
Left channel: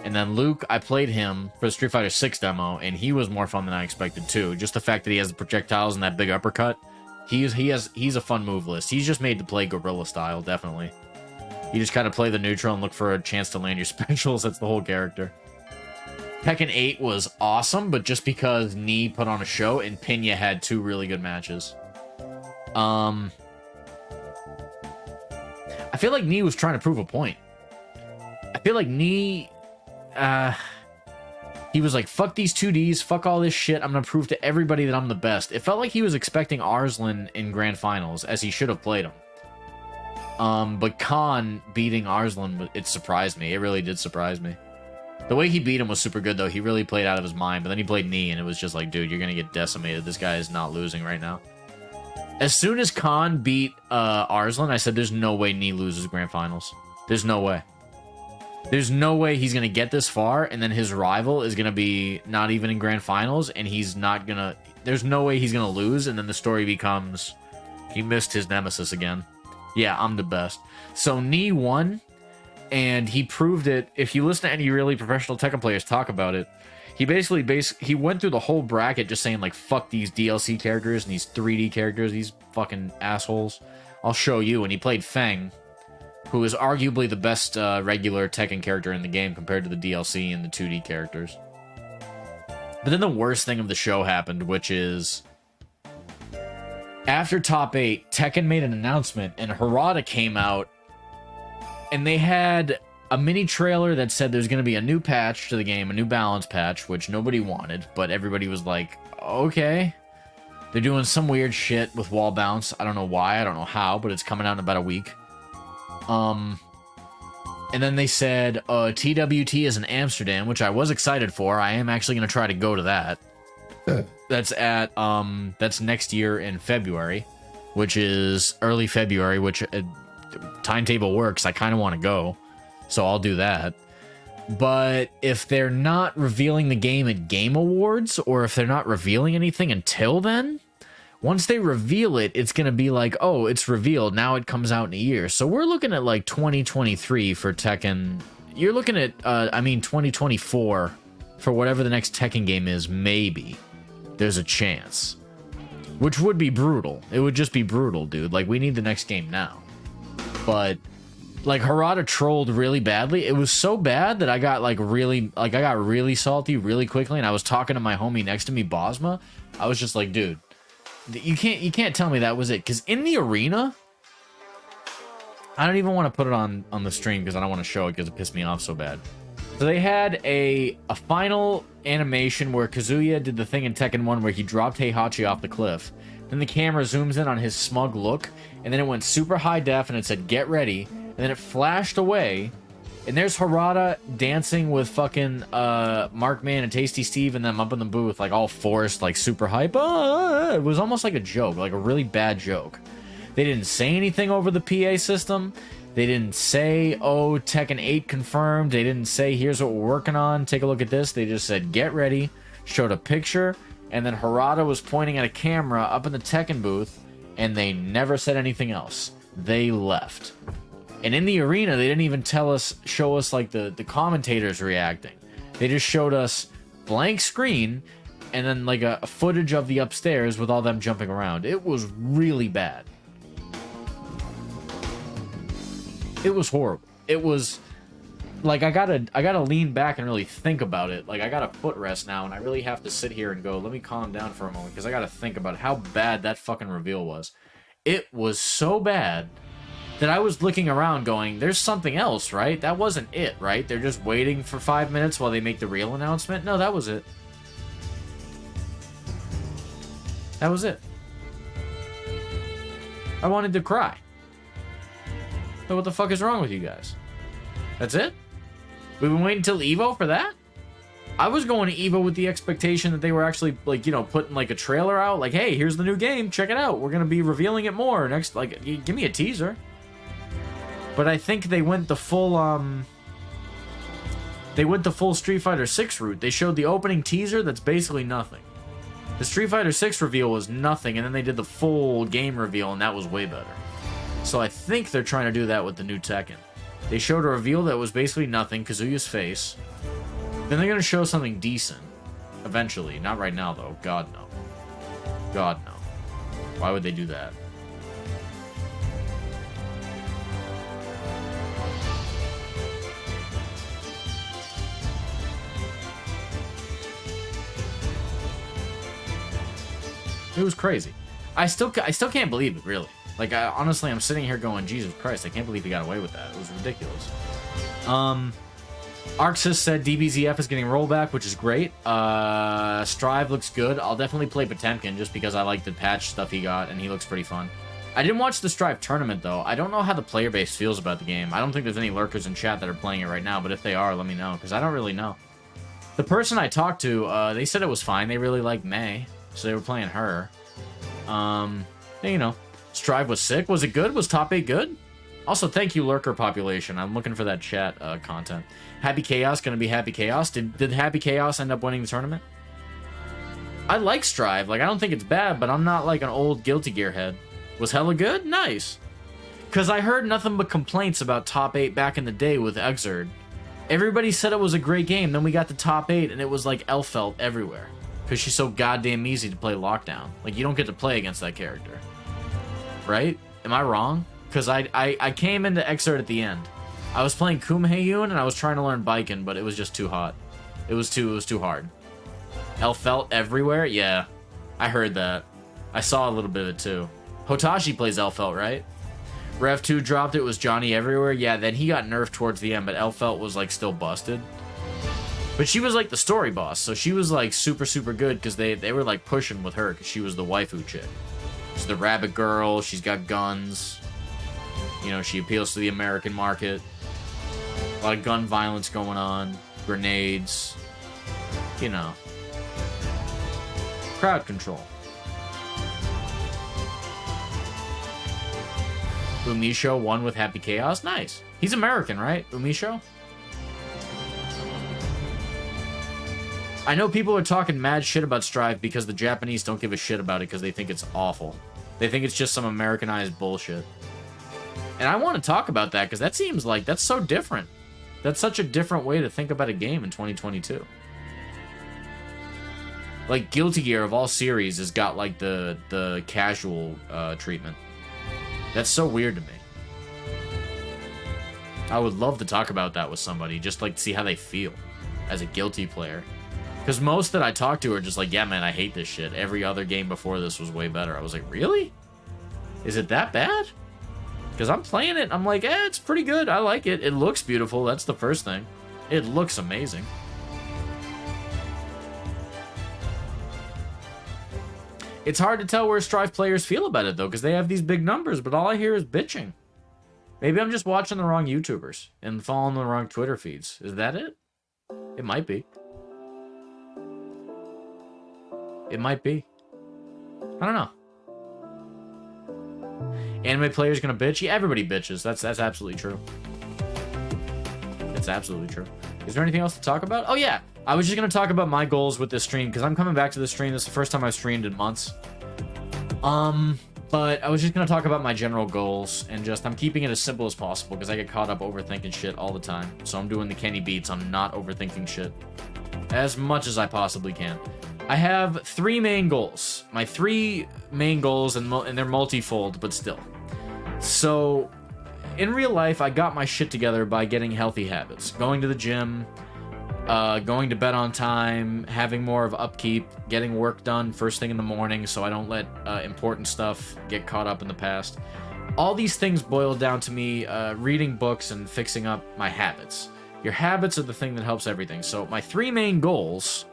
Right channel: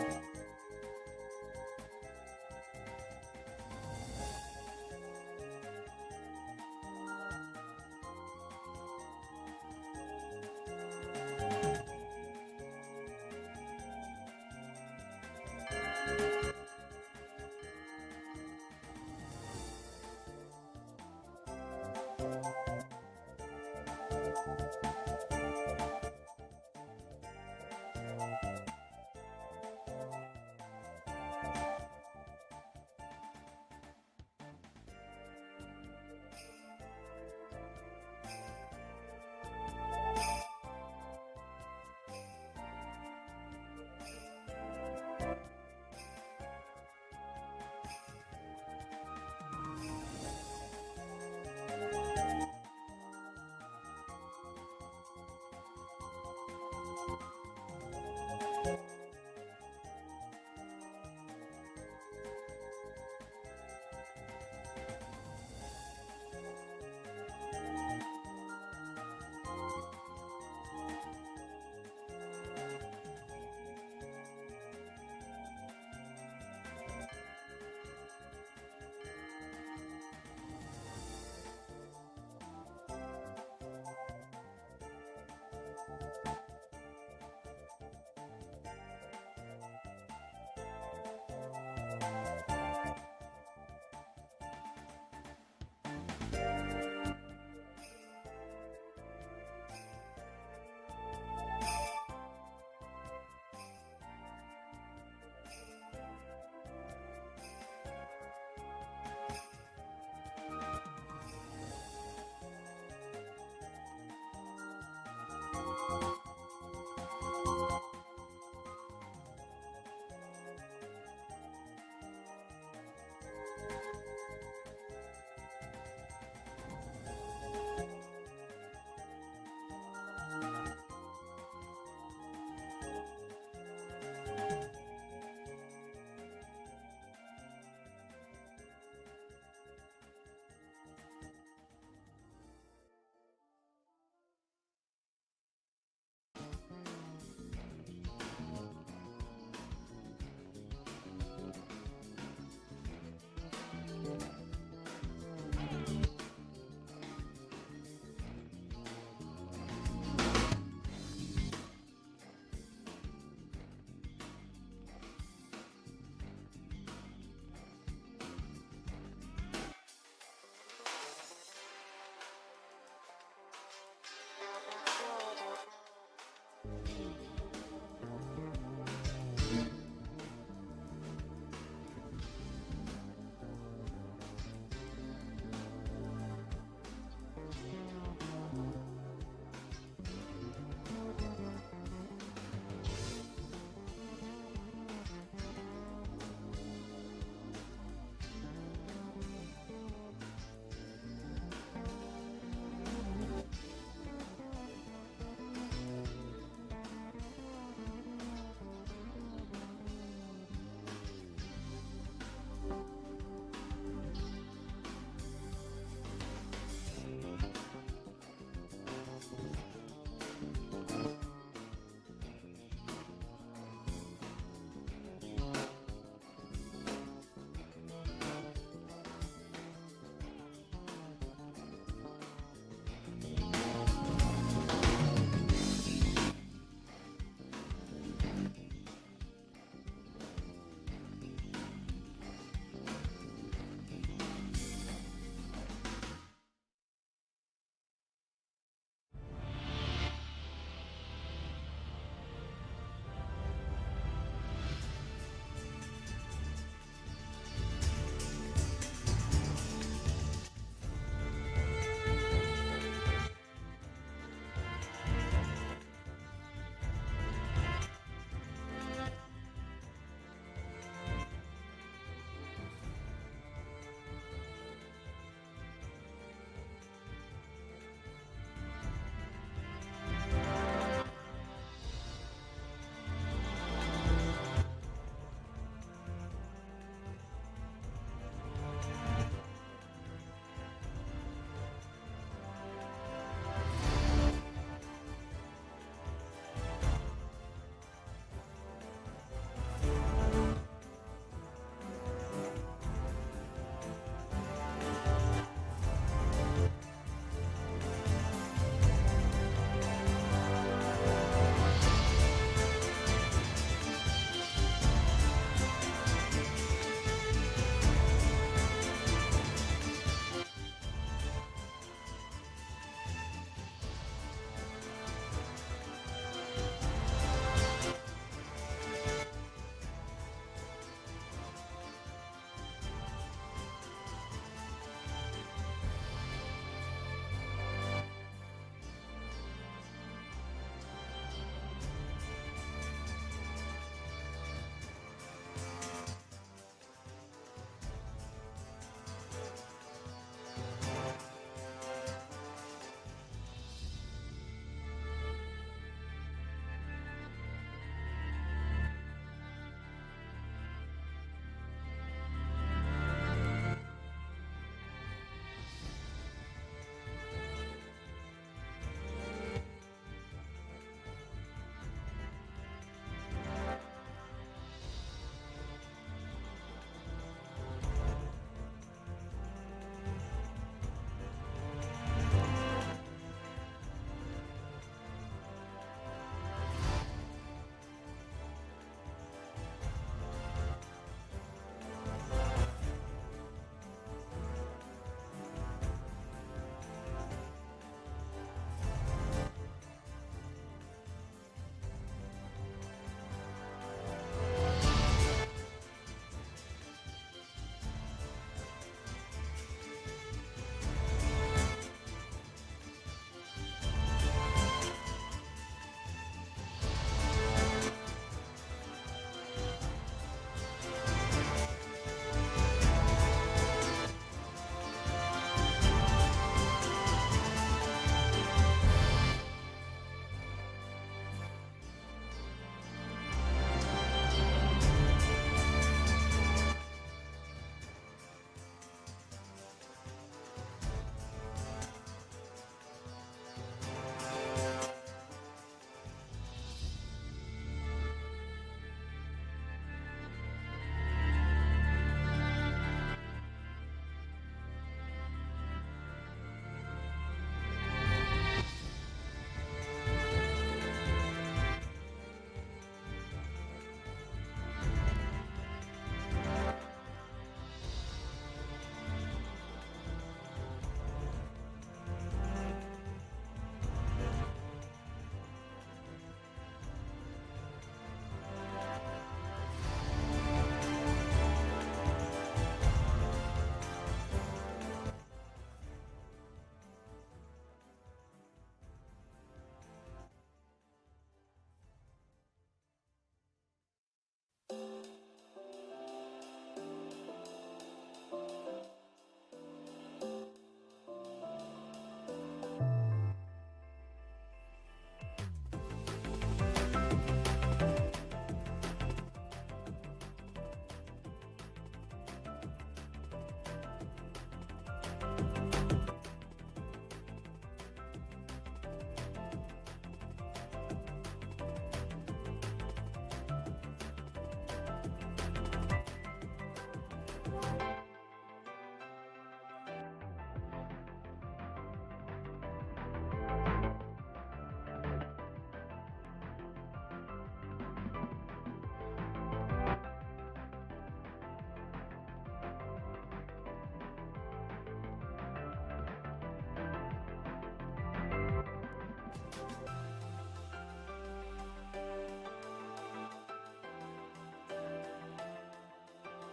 And then Luke, I played him for the Street Fighter 6 demo, and he was more fun than I expected too. Just the fact that he has the projectiles and that big uppercut. He's a fun move list. He's just made to play gorilla style, definitely. You just kind of play the neutral and look for a chance to land your specials. That's the whole character. Tekken 8 was awesome, but just because Knee put on a show and Pinya had 2 really good matches. I feel like Knee was trying to prove a point. I feel like Knee... he was like, fuck these 2Ds, fuck all this shit, I'm gonna prove to everybody that I'm the best. It felt like he was expecting Arslan in Grand Finals, as he should have played him. But Khan beating Arslan, it surprised me. It really did surprise me. The way he beat him was super good, though. He really played out of his mind, but then he played Knee, and it was just like, dude, you're gonna get decimated. This guy is not losing right now. As soon as Khan beat Arslan, I said, there's no way Knee loses Grand Finals. There's no way. There's no way he's going to get this far, and then his rival is going to be not even in Grand Finals, and he's not going to... There's no way he's going to lose, and then the story becomes... He missed his nemesis again. Yeah, I'm the best. So, Knee won, and he proved it. If you listen to any really professional Tekken players talk about it, he he went through the whole bracket just saying, like, fuck these DLC characters and these 3D characters, these fucking assholes. I'll show you. And he played Feng, who is arguably the best regular Tekken character in the game compared to the DLC and the 2D characters. But then the worst thing of the show happened, which is... After Top 8, Tekken made an announcement, and Harada came out, and they had a mini trailer that said there's going to be a new patch to the game, a new balance patch, which nobody wanted, but everybody was like, okay. They're doing some weird shit with wall bounce. I don't know why, I don't know how, but it's coming out in about a week. And then they said, TWT is in Amsterdam, which I was excited for. I am actually going to try to go to that. That's at, that's next year in February, which is early February, which timetable works. I kind of want to go, so I'll do that. But if they're not revealing the game at Game Awards, or if they're not revealing anything until then, once they reveal it, it's going to be like, oh, it's revealed. Now it comes out in a year. So we're looking at like 2023 for Tekken. You're looking at, 2024 for whatever the next Tekken game is, maybe. There's a chance. Which would be brutal. It would just be brutal, dude. Like, we need the next game now. But, like, Harada trolled really badly. It was so bad that I got, I got really salty really quickly, and I was talking to my homie next to me, Bosma. I was just like, dude, you can't tell me that was it. Because in the arena, I don't even want to put it on the stream because I don't want to show it because it pissed me off so bad. So they had a final animation where Kazuya did the thing in Tekken 1 where he dropped Heihachi off the cliff. Then the camera zooms in on his smug look, and then it went super high def and it said, get ready. And then it flashed away, And there's Harada dancing with fucking Markman and Tasty Steve and them up in the booth, like all forced, like super hype. It was almost like a joke, like a really bad joke. They didn't say anything over the PA system. They didn't say, oh, Tekken 8 confirmed. They didn't say, here's what we're working on. Take a look at this. They just said, get ready. Showed a picture. And then Harada was pointing at a camera up in the Tekken booth. And they never said anything else. They left. And in the arena, they didn't even show us like the commentators reacting. They just showed us blank screen and then like a footage of the upstairs with all them jumping around. It was really bad. It was horrible. It was like I gotta lean back and really think about it. Like I got a footrest now, and I really have to sit here and go, let me calm down for a moment, because I gotta think about how bad that fucking reveal was. It was so bad that I was looking around going, there's something else, right? That wasn't it, right? They're just waiting for 5 minutes while they make the real announcement? No, that was it. That was it. I wanted to cry. So what the fuck is wrong with you guys? That's it? We've been waiting till Evo for that? I was going to Evo with the expectation that they were actually, like, you know, putting, like, a trailer out. Like, hey, here's the new game. Check it out. We're going to be revealing it more. Next, like, give me a teaser. But I think they went the full, Street Fighter 6 route. They showed the opening teaser that's basically nothing. The Street Fighter 6 reveal was nothing, and then they did the full game reveal, and that was way better. So I think they're trying to do that with the new Tekken. They showed a reveal that was basically nothing, Kazuya's face. Then they're going to show something decent. Eventually. Not right now, though. God, no. God, no. Why would they do that? It was crazy. I still can't believe it, really. Like, honestly, I'm sitting here going, Jesus Christ, I can't believe he got away with that. It was ridiculous. Arxis said DBZF is getting rollback, which is great. Strive looks good. I'll definitely play Potemkin just because I like the patch stuff he got, and he looks pretty fun. I didn't watch the Strive tournament, though. I don't know how the player base feels about the game. I don't think there's any lurkers in chat that are playing it right now, but if they are, let me know, because I don't really know. The person I talked to, they said it was fine. They really liked May, so they were playing her. You know, Strive was sick. Was it good? Was top 8 good? Also, thank you, Lurker Population. I'm looking for that chat content. Happy Chaos gonna be Happy Chaos. Did Happy Chaos end up winning the tournament? I like Strive. Like, I don't think it's bad, but I'm not like an old Guilty Gear head. Was hella good? Nice. Because I heard nothing but complaints about top 8 back in the day with Exerd. Everybody said it was a great game. Then we got to top 8, and it was like Elfelt everywhere. Because she's so goddamn easy to play Lockdown. Like, you don't get to play against that character. Right? Am I wrong? Because I came into Exerd at the end. I was playing Kumheyun, and I was trying to learn Biken, but it was just too hot. It was too hard. Elfelt everywhere? Yeah. I heard that. I saw a little bit of it, too. Hotashi plays Elfelt, right? Rev 2 dropped it, was Johnny everywhere? Yeah, then he got nerfed towards the end, but Elfelt was, like, still busted. But she was, like, the story boss, so she was, like, super, super good, because they were, like, pushing with her, because she was the waifu chick. She's the rabbit girl, she's got guns. You know, she appeals to the American market. A lot of gun violence going on. Grenades. You know. Crowd control. Umisho won with Happy Chaos? Nice. He's American, right? Umisho? I know people are talking mad shit about Strive because the Japanese don't give a shit about it because they think it's awful. They think it's just some Americanized bullshit. And I want to talk about that because that seems like that's so different. That's such a different way to think about a game in 2022. Like, Guilty Gear of all series has got like the casual treatment. That's so weird to me. I would love to talk about that with somebody, just like to see how they feel as a Guilty player. Because most that I talk to are just like, yeah, man, I hate this shit. Every other game before this was way better. I was like, really? Is it that bad? Because I'm playing it, I'm like, it's pretty good. I like it. It looks beautiful. That's the first thing. It looks amazing. It's hard to tell where Strive players feel about it, though, because they have these big numbers, but all I hear is bitching. Maybe I'm just watching the wrong YouTubers and following the wrong Twitter feeds. Is that it? It might be. It might be. I don't know. Anime players gonna bitch? Yeah, everybody bitches. That's absolutely true. It's absolutely true. Is there anything else to talk about? Oh yeah, I was just gonna talk about my goals with this stream because I'm coming back to this stream. This is the first time I've streamed in months. But I was just gonna talk about my general goals and just I'm keeping it as simple as possible because I get caught up overthinking shit all the time. So I'm doing the Kenny beats. I'm not overthinking shit as much as I possibly can. I have 3 main goals. My 3 main goals, and they're multifold, but still. So, in real life, I got my shit together by getting healthy habits. Going to the gym, going to bed on time, having more of upkeep, getting work done first thing in the morning so I don't let important stuff get caught up in the past. All these things boil down to me reading books and fixing up my habits. Your habits are the thing that helps everything. So, my 3 main goals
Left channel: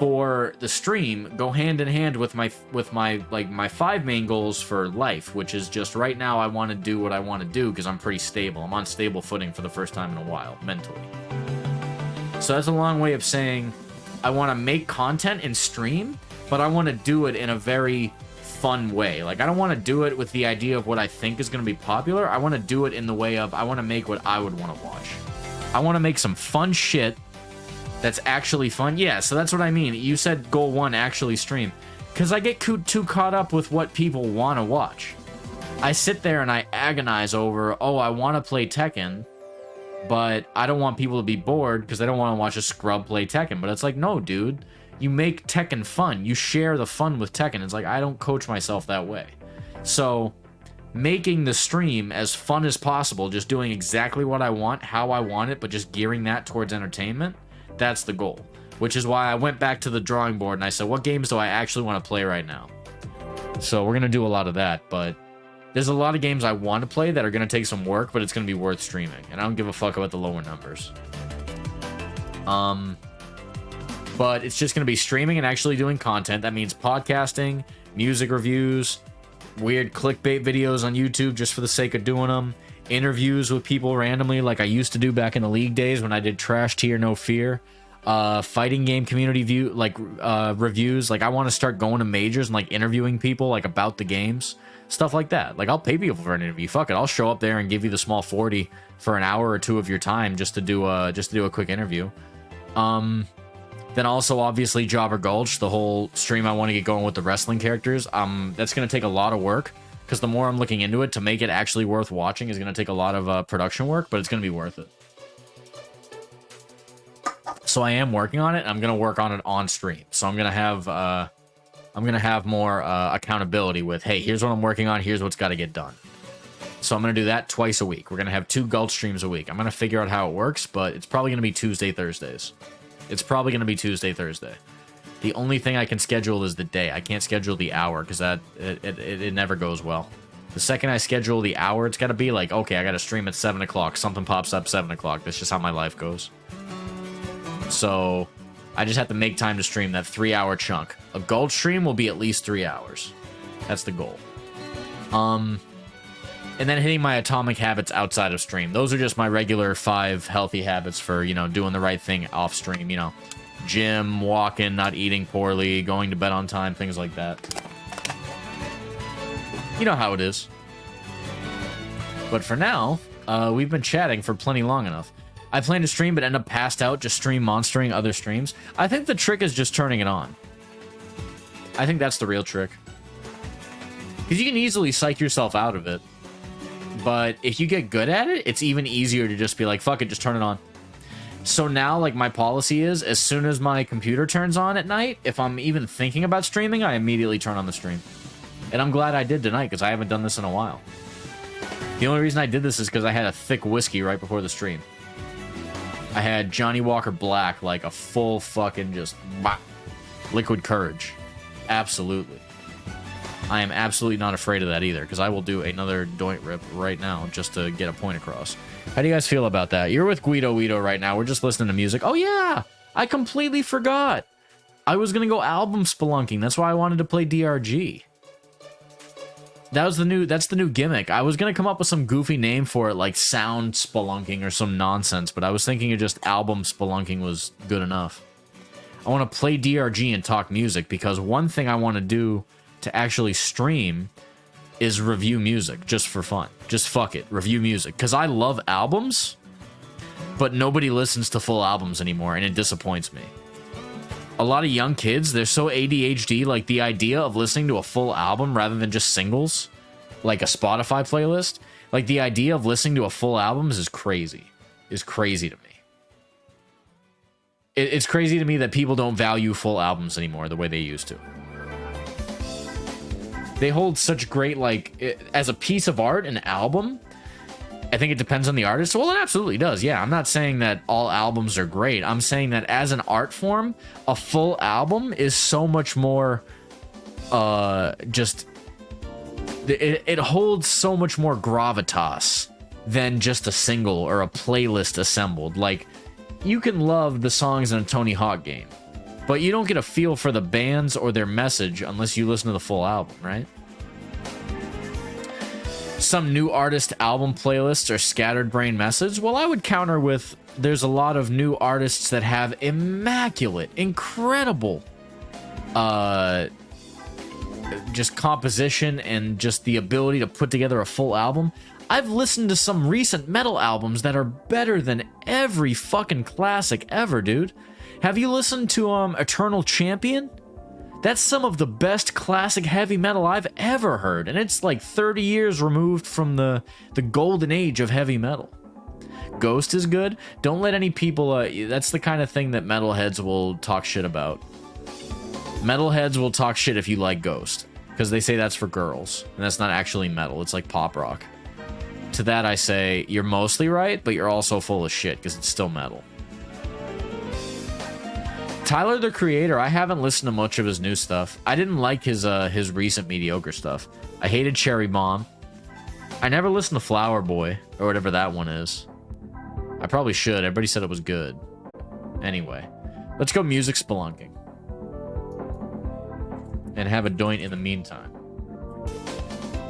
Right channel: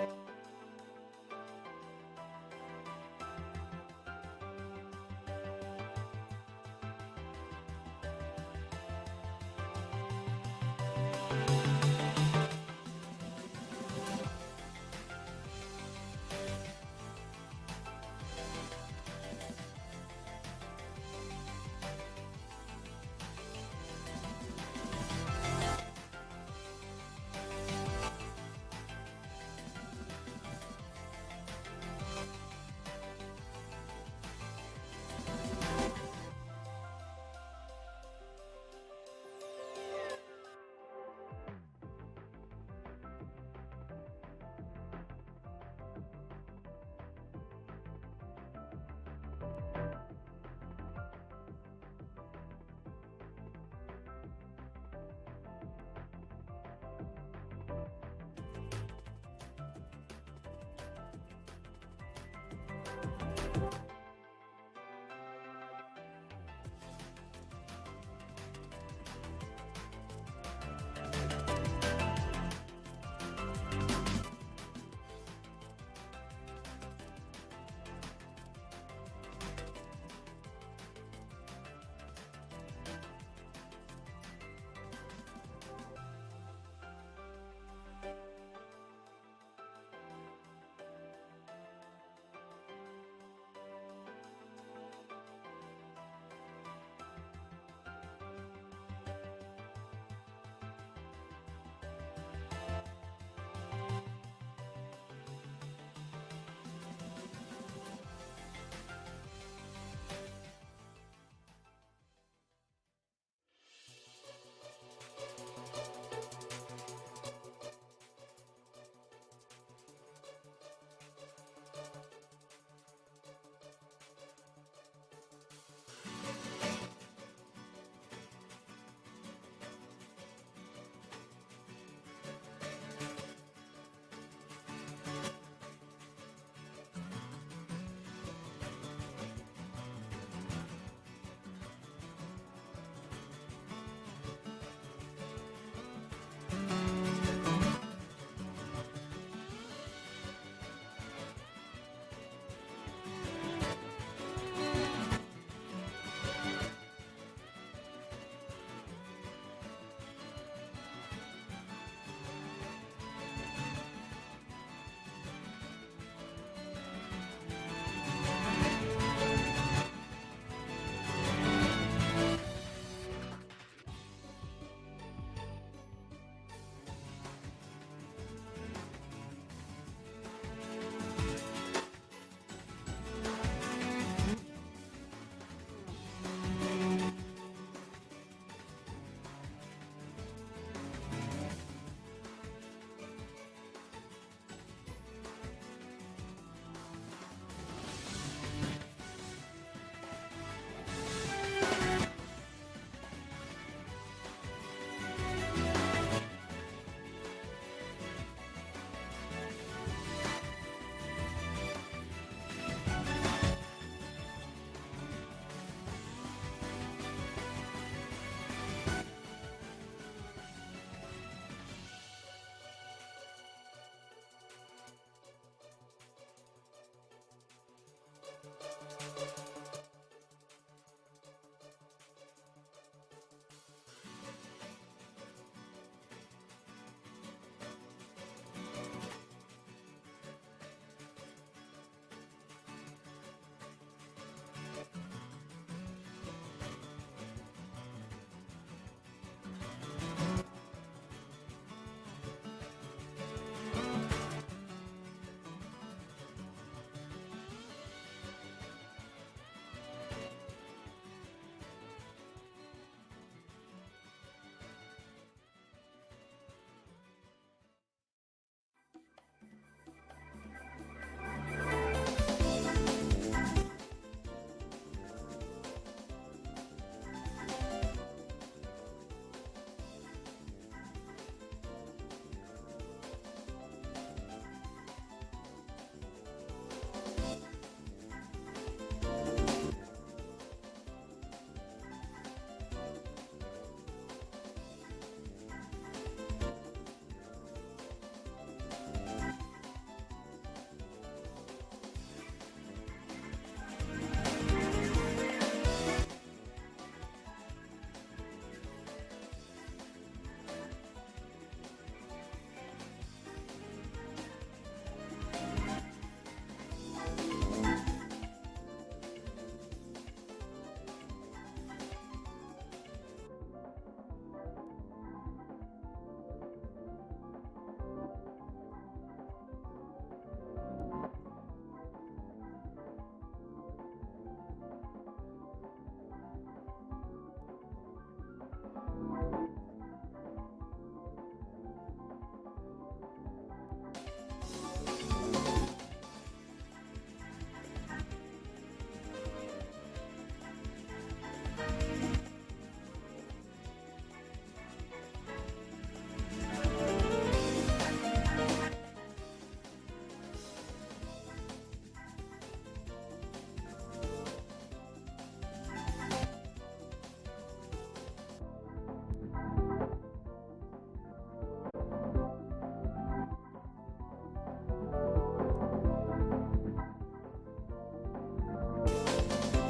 for the stream go hand in hand with my 5 main goals for life, which is just right now I want to do what I want to do because I'm pretty stable. I'm on stable footing for the first time in a while, mentally. So that's a long way of saying I want to make content and stream, but I want to do it in a very fun way. Like, I don't want to do it with the idea of what I think is going to be popular. I want to do it in the way of I want to make what I would want to watch. I want to make some fun shit that's actually fun. Yeah, so that's what I mean. You said goal 1, actually stream. Because I get too caught up with what people want to watch. I sit there and I agonize over, oh, I want to play Tekken, but I don't want people to be bored because they don't want to watch a scrub play Tekken. But it's like, no, dude. You make Tekken fun. You share the fun with Tekken. It's like, I don't coach myself that way. So, making the stream as fun as possible, just doing exactly what I want, how I want it, but just gearing that towards entertainment, that's the goal. Which is why I went back to the drawing board and I said, what games do I actually want to play right now? So we're going to do a lot of that, but there's a lot of games I want to play that are going to take some work, but it's going to be worth streaming. And I don't give a fuck about the lower numbers. But it's just going to be streaming and actually doing content. That means podcasting, music reviews, weird clickbait videos on YouTube just for the sake of doing them, interviews with people randomly like I used to do back in the League days when I did Trash Tier No Fear, fighting game community reviews. Like, I want to start going to majors and like interviewing people like about the games, stuff like that. Like, I'll pay people for an interview. Fuck it, I'll show up there and give you the small 40 for an hour or 2 of your time just to do a quick interview. Then also, obviously, Jobber Gulch, the whole stream I want to get going with the wrestling characters. That's going to take a lot of work, because the more I'm looking into it, to make it actually worth watching is going to take a lot of production work, but it's going to be worth it. So I am working on it, and I'm going to work on it on stream. So I'm going to have more accountability with, hey, here's what I'm working on, here's what's got to get done. So I'm going to do that twice a week. We're going to have 2 Gulch streams a week. I'm going to figure out how it works, but it's probably going to be Tuesday, Thursdays. It's probably going to be Tuesday, Thursday. The only thing I can schedule is the day. I can't schedule the hour because it never goes well. The second I schedule the hour, it's got to be like, okay, I got to stream at 7 o'clock. Something pops up 7 o'clock. That's just how my life goes. So I just have to make time to stream that 3-hour chunk. A Gold stream will be at least 3 hours. That's the goal. And then hitting my atomic habits outside of stream. Those are just my regular 5 healthy habits for, you know, doing the right thing off stream, you know. Gym, walking, not eating poorly, going to bed on time, things like that. You know how it is. But for now, we've been chatting for plenty long enough. I plan to stream but end up passed out, just stream monstering other streams. I think the trick is just turning it on. I think that's the real trick. Because you can easily psych yourself out of it. But if you get good at it, it's even easier to just be like, fuck it, just turn it on. So now, like, my policy is, as soon as my computer turns on at night, if I'm even thinking about streaming, I immediately turn on the stream. And I'm glad I did tonight, because I haven't done this in a while. The only reason I did this is because I had a thick whiskey right before the stream. I had Johnny Walker Black, like a full fucking just liquid courage. Absolutely. I am absolutely not afraid of that either, because I will do another doint rip right now just to get a point across. How do you guys feel about that? You're with Guido right now. We're just listening to music. Oh, yeah! I completely forgot. I was going to go album spelunking. That's why I wanted to play DRG. That's the new gimmick. I was gonna come up with some goofy name for it, like sound spelunking or some nonsense, but I was thinking of just album spelunking was good enough. I want to play DRG and talk music, because one thing I want to do to actually stream is review music just for fun. Just fuck it, review music, because I love albums, but nobody listens to full albums anymore, and it disappoints me. A lot of young kids, they're so ADHD, like the idea of listening to a full album rather than just singles, like a Spotify playlist, like the idea of listening to a full album is crazy. Is crazy to me. It's crazy to me that people don't value full albums anymore the way they used to. They hold such great, like, as a piece of art, an album, I think it depends on the artist. Well, it absolutely does. Yeah, I'm not saying that all albums are great. I'm saying that as an art form, a full album is so much more, it holds so much more gravitas than just a single or a playlist assembled. Like, you can love the songs in a Tony Hawk game, but you don't get a feel for the bands or their message unless you listen to the full album, right? Some new artist album playlists are scattered brain message. Well, I would counter with there's a lot of new artists that have immaculate, incredible just composition and just the ability to put together a full album. I've listened to some recent metal albums that are better than every fucking classic ever, dude. Have you listened to Eternal Champion? That's some of the best classic heavy metal I've ever heard, and it's like 30 years removed from the golden age of heavy metal. Ghost is good. Don't let any people, that's the kind of thing that metalheads will talk shit about. Metalheads will talk shit if you like Ghost, because they say that's for girls, and that's not actually metal, it's like pop rock. To that I say, you're mostly right, but you're also full of shit, because it's still metal. Tyler, the Creator, I haven't listened to much of his new stuff. I didn't like his recent mediocre stuff. I hated Cherry Bomb. I never listened to Flower Boy, or whatever that one is. I probably should. Everybody said it was good. Anyway, let's go music spelunking. And have a doint in the meantime.